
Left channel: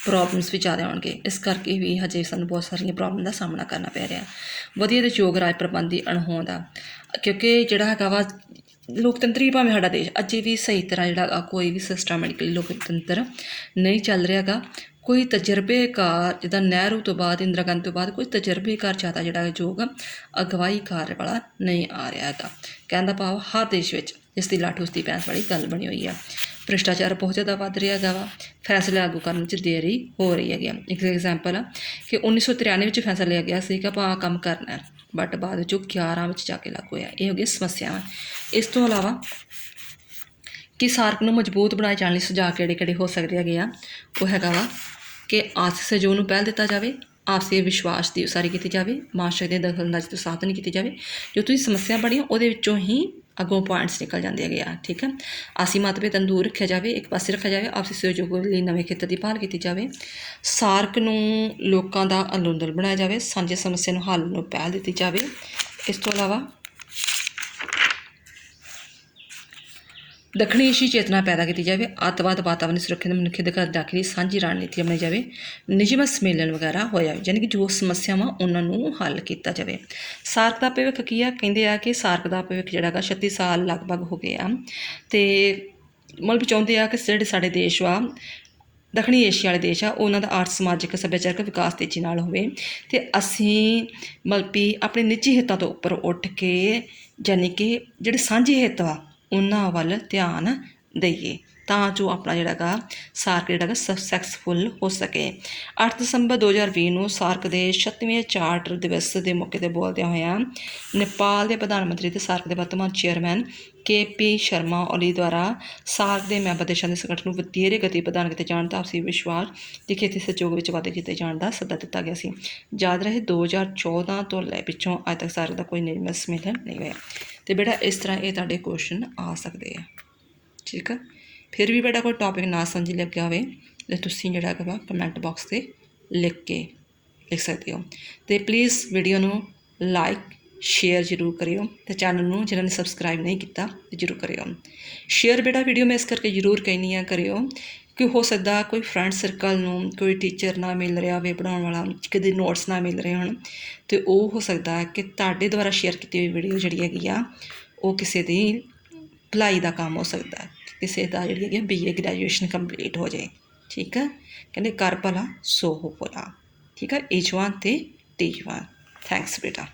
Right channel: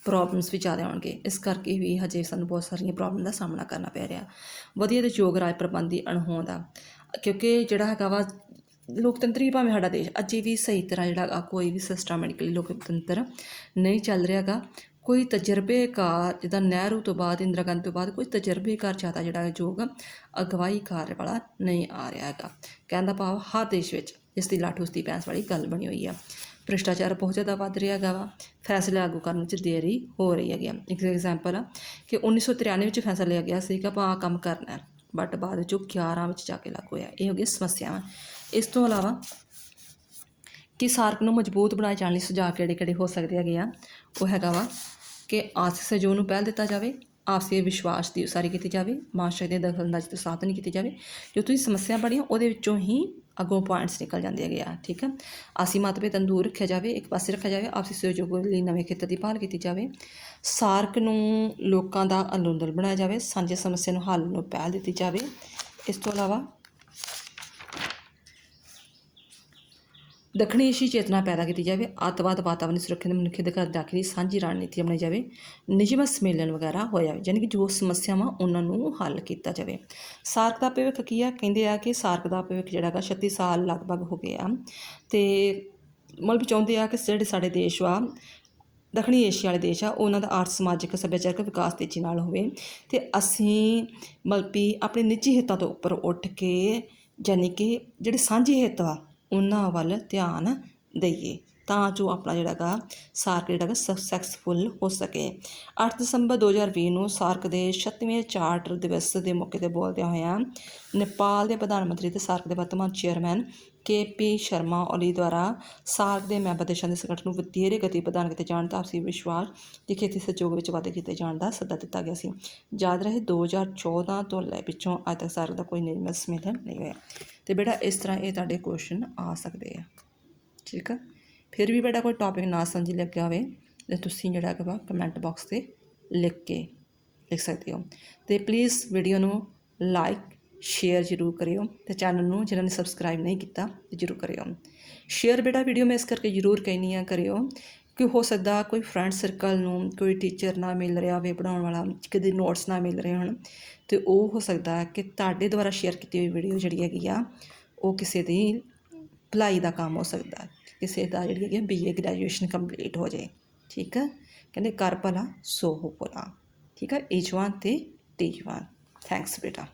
ਪ੍ਰੋਬਲਮਸ ਵੀ ਜ਼ਿਆਦਾ ਆਉਣਗੇ। ਇਸ ਕਰਕੇ ਵੀ ਹਜੇ ਸਾਨੂੰ ਬਹੁਤ ਸਾਰੀਆਂ ਪ੍ਰੋਬਲਮ ਦਾ ਸਾਹਮਣਾ ਕਰਨਾ ਪੈ ਰਿਹਾ। ਵਧੀਆ ਅਤੇ ਯੋਗ ਰਾਜ ਪ੍ਰਬੰਧੀ ਅਣਹੋਂਦ ਆ, ਕਿਉਂਕਿ ਜਿਹੜਾ ਹੈਗਾ ਵਾ ਲੋਕਤੰਤਰੀ ਭਾਵੇਂ ਸਾਡਾ ਦੇਸ਼ ਅਜੇ ਵੀ ਸਹੀ ਤਰ੍ਹਾਂ ਜਿਹੜਾ ਕੋਈ ਵੀ ਸਿਸਟਮੈਟਿਕਲੀ ਲੋਕਤੰਤਰ ਨਹੀਂ ਚੱਲ ਰਿਹਾ ਹੈਗਾ। ਕੋਈ ਤਜਰਬੇਕਾਰ ਜਿੱਦਾਂ ਨਹਿਰੂ ਤੋਂ ਬਾਅਦ, ਇੰਦਰਾ ਗਾਂਧੀ ਤੋਂ ਬਾਅਦ ਕੋਈ ਤਜਰਬੇਕਾਰ ਜ਼ਿਆਦਾ ਜਿਹੜਾ ਯੋਗ ਅਗਵਾਈ ਕਾਰ ਵਾਲਾ ਨਹੀਂ ਆ ਰਿਹਾ ਹੈਗਾ। ਕਹਿਣ ਦਾ ਭਾਵ ਹਰ ਦੇਸ਼ ਵਿੱਚ ਇਸ ਦੀ ਲਾਠ ਉਸ ਦੀ ਭੈਂਸ ਵਾਲੀ ਗੱਲ ਬਣੀ ਹੋਈ ਆ। ਭ੍ਰਿਸ਼ਟਾਚਾਰ ਬਹੁਤ ਜ਼ਿਆਦਾ ਵੱਧ ਰਿਹਾ ਹੈਗਾ ਵਾ, ਫੈਸਲੇ ਲਾਗੂ ਕਰਨ ਵਿੱਚ ਦੇਰੀ ਹੋ ਰਹੀ ਹੈਗੀ ਆ। ਇੱਕ ਐਗਜ਼ਾਮਪਲ ਆ ਕਿ 1993 ਵਿੱਚ ਫੈਸਲਾ ਲਿਆ ਗਿਆ ਸੀ ਕਿ ਆਪਾਂ ਆਹ ਕੰਮ ਕਰਨਾ, ਬਟ ਬਾਅਦ ਵਿੱਚ ਉਹ 11 ਵਿੱਚ ਜਾ ਕੇ ਲਾਗੂ ਹੋਇਆ। ਇਹ ਹੋ ਗਈ ਸਮੱਸਿਆਵਾਂ। ਇਸ ਤੋਂ ਇਲਾਵਾ ਕਿ ਸਾਰਕ ਨੂੰ ਮਜ਼ਬੂਤ ਬਣਾਏ ਜਾਣ ਲਈ ਸੁਝਾਅ ਕਿਹੜੇ ਹੋ ਸਕਦੇ ਹੈਗੇ ਆ, ਉਹ ਹੈਗਾ ਵਾ ਕਿ ਆਰਥਿਕ ਸਹਿਯੋਗ ਨੂੰ ਪਹਿਲ ਦਿੱਤਾ ਜਾਵੇ, ਆਪਸੀ ਵਿਸ਼ਵਾਸ ਦੀ ਉਸਾਰੀ ਕੀਤੀ ਜਾਵੇ, ਮਾਸ਼ਰੇ ਦੇ ਦਖਲਅੰਦਾਜ਼ੀ ਤੋਂ ਸਾਬਤ ਨਹੀਂ ਕੀਤੀ ਜਾਵੇ। ਜੋ ਤੁਸੀਂ ਸਮੱਸਿਆ ਬਣੀਆਂ ਉਹਦੇ ਵਿੱਚੋਂ ਹੀ ਅੱਗੋਂ ਪੁਆਇੰਟਸ ਨਿਕਲ ਜਾਂਦੇ ਹੈਗੇ ਆ। ਠੀਕ ਹੈ, ਆਸੀ ਮਤਭੇਦ ਨੂੰ ਦੂਰ ਰੱਖਿਆ ਜਾਵੇ, ਇੱਕ ਪਾਸੇ ਰੱਖਿਆ ਜਾਵੇ, ਆਪਸੀ ਸਹਿਯੋਗ ਲਈ ਨਵੇਂ ਖੇਤਰ ਦੀ ਭਾਲ ਕੀਤੀ ਜਾਵੇ, ਸਾਰਕ ਨੂੰ ਲੋਕਾਂ ਦਾ ਅੰਦੋਲਨ ਬਣਾਇਆ ਜਾਵੇ, ਸਾਂਝੀ ਸਮੱਸਿਆ ਨੂੰ ਹੱਲ ਨੂੰ ਪਹਿਲ ਦਿੱਤੀ ਜਾਵੇ। ਇਸ ਤੋਂ ਇਲਾਵਾ ਦੱਖਣੀ ਏਸ਼ੀ ਚੇਤਨਾ ਪੈਦਾ ਕੀਤੀ ਜਾਵੇ, ਅੱਤਵਾਦ, ਵਾਤਾਵਰਨ ਸੁਰੱਖਿਆ, ਮਨੁੱਖੀ ਅਧਿਕਾਰ ਦਾਖਲੀ ਸਾਂਝੀ ਰਣਨੀਤੀ ਬਣਾਈ ਜਾਵੇ, ਨਿਯਮਿਤ ਸੰਮੇਲਨ ਵਗੈਰਾ ਹੋਇਆ ਜਾਵੇ, ਯਾਨੀ ਕਿ ਜੋ ਸਮੱਸਿਆਵਾਂ ਉਹਨਾਂ ਨੂੰ ਹੱਲ ਕੀਤਾ ਜਾਵੇ। ਸਾਰਕ ਦਾ ਭਵਿੱਖ ਕੀ ਆ? ਕਹਿੰਦੇ ਆ ਕਿ ਸਾਰਕ ਦਾ ਭਵਿੱਖ ਜਿਹੜਾ ਹੈਗਾ 36 ਸਾਲ ਲਗਭਗ ਹੋ ਗਏ ਆ, ਅਤੇ ਮਤਲਬ ਚਾਹੁੰਦੇ ਆ ਕਿ ਜਿਹੜੇ ਸਾਡੇ ਦੇਸ਼ ਵਾ ਦੱਖਣੀ ਏਸ਼ੀਆ ਵਾਲੇ ਦੇਸ਼ ਆ ਉਹਨਾਂ ਦਾ ਆਰਥ ਸਮਾਜਿਕ ਸੱਭਿਆਚਾਰਕ ਵਿਕਾਸ ਤੇਜ਼ੀ ਨਾਲ ਹੋਵੇ, ਅਤੇ ਅਸੀਂ ਮਤਲਬ ਵੀ ਆਪਣੇ ਨਿੱਜੀ ਹਿੱਤਾਂ ਤੋਂ ਉੱਪਰ ਉੱਠ ਕੇ ਯਾਨੀ ਕਿ ਜਿਹੜੇ ਸਾਂਝੇ ਹਿੱਤ ਵਾ ਉਹਨਾਂ ਵੱਲ ਧਿਆਨ ਦਈਏ ਤਾਂ ਜੋ ਆਪਣਾ ਜਿਹੜਾ ਗਾ ਸਾਰਕ ਜਿਹੜਾ ਗਾ ਸਕਸੈਸਫੁੱਲ ਹੋ ਸਕੇ। 8 ਦਸੰਬਰ 2020 ਨੂੰ ਸਾਰਕ ਦੇ 36ਵੇਂ ਚਾਰਟਰ ਦਿਵਸ ਦੇ ਮੌਕੇ 'ਤੇ ਬੋਲਦਿਆਂ ਹੋਇਆਂ ਨੇਪਾਲ ਦੇ ਪ੍ਰਧਾਨ ਮੰਤਰੀ ਅਤੇ ਸਾਰਕ ਦੇ ਵਰਤਮਾਨ ਚੇਅਰਮੈਨ KP ਸ਼ਰਮਾ ਓਲੀ ਦੁਆਰਾ ਸਾਰਕ ਦੇ ਮੈਂਬਰ ਦੇਸ਼ਾਂ ਦੇ ਸੰਗਠਨ ਨੂੰ ਵਧੇਰੇ ਗਤੀ ਪ੍ਰਦਾਨ ਕੀਤੇ ਜਾਣ ਦਾ ਆਪਸੀ ਵਿਸ਼ਵਾਸ ਦੀ ਖੇਤੀ ਸਹਿਯੋਗ ਵਿੱਚ ਵਾਧੇ ਕੀਤੇ ਜਾਣ ਦਾ ਸੱਦਾ ਦਿੱਤਾ ਗਿਆ ਸੀ। ਯਾਦ ਰਹੇ 2014 ਤੋਂ ਲੈ ਪਿੱਛੋਂ ਅੱਜ ਤੱਕ ਸਾਰਕ ਦਾ ਕੋਈ ਨਿਯਮਿਤ ਸੰਮੇਲਨ ਨਹੀਂ ਹੋਇਆ। ਅਤੇ ਬੇਟਾ ਇਸ ਤਰ੍ਹਾਂ ਇਹ ਤੁਹਾਡੇ ਕੁਐਸਚਨ ਆ ਸਕਦੇ ਆ। ਠੀਕ ਆ, ਫਿਰ ਵੀ ਬੇਟਾ ਕੋਈ ਟੌਪਿਕ ਨਾ ਸਮਝ ਲੱਗਿਆ ਹੋਵੇ ਤਾਂ ਤੁਸੀਂ ਜਿਹੜਾ ਹੈਗਾ ਵਾ ਕਮੈਂਟ ਬਾਕਸ 'ਤੇ ਲਿਖ ਸਕਦੇ ਹੋ। ਅਤੇ ਪਲੀਜ਼ ਵੀਡੀਓ ਨੂੰ ਲਾਈਕ ਸ਼ੇਅਰ ਜ਼ਰੂਰ ਕਰਿਓ, ਅਤੇ ਚੈਨਲ ਨੂੰ ਜਿਹਨਾਂ ਨੇ ਸਬਸਕ੍ਰਾਈਬ ਨਹੀਂ ਕੀਤਾ ਜ਼ਰੂਰ ਕਰਿਓ। ਸ਼ੇਅਰ ਬੇਟਾ ਵੀਡੀਓ ਮੈਂ ਇਸ ਕਰਕੇ ਜ਼ਰੂਰ ਕਹਿੰਦੀ ਹਾਂ ਕਰਿਓ ਕਿ ਹੋ ਸਕਦਾ ਕੋਈ ਫਰੈਂਡ ਸਰਕਲ ਨੂੰ ਕੋਈ ਟੀਚਰ ਨਾ ਮਿਲ ਰਿਹਾ ਹੋਵੇ ਪੜ੍ਹਾਉਣ ਵਾਲਾ, ਕਦੇ ਨੋਟਸ ਨਾ ਮਿਲ ਰਹੇ ਹੋਣ, ਅਤੇ ਉਹ ਹੋ ਸਕਦਾ ਕਿ ਤੁਹਾਡੇ ਦੁਆਰਾ ਸ਼ੇਅਰ ਕੀਤੀ ਹੋਈ ਵੀਡੀਓ ਜਿਹੜੀ ਹੈਗੀ ਆ ਉਹ ਕਿਸੇ ਦੀ ਭਲਾਈ ਦਾ ਕੰਮ ਹੋ ਸਕਦਾ। ਕਿਸੇ ਦਾ ਜਿਹੜੀ ਹੈਗੀ BA ਗ੍ਰੈਜੂਏਸ਼ਨ ਕੰਪਲੀਟ ਹੋ ਜਾਏ। ਠੀਕ ਹੈ, ਕਹਿੰਦੇ ਕਰ ਭਲਾ ਸੋ ਹੋ ਭਲਾ। ਠੀਕ ਹੈ, ਈਚ ਵਨ ਅਤੇ ਟੀਚ ਵਨ। ਥੈਂਕਸ ਬੇਟਾ।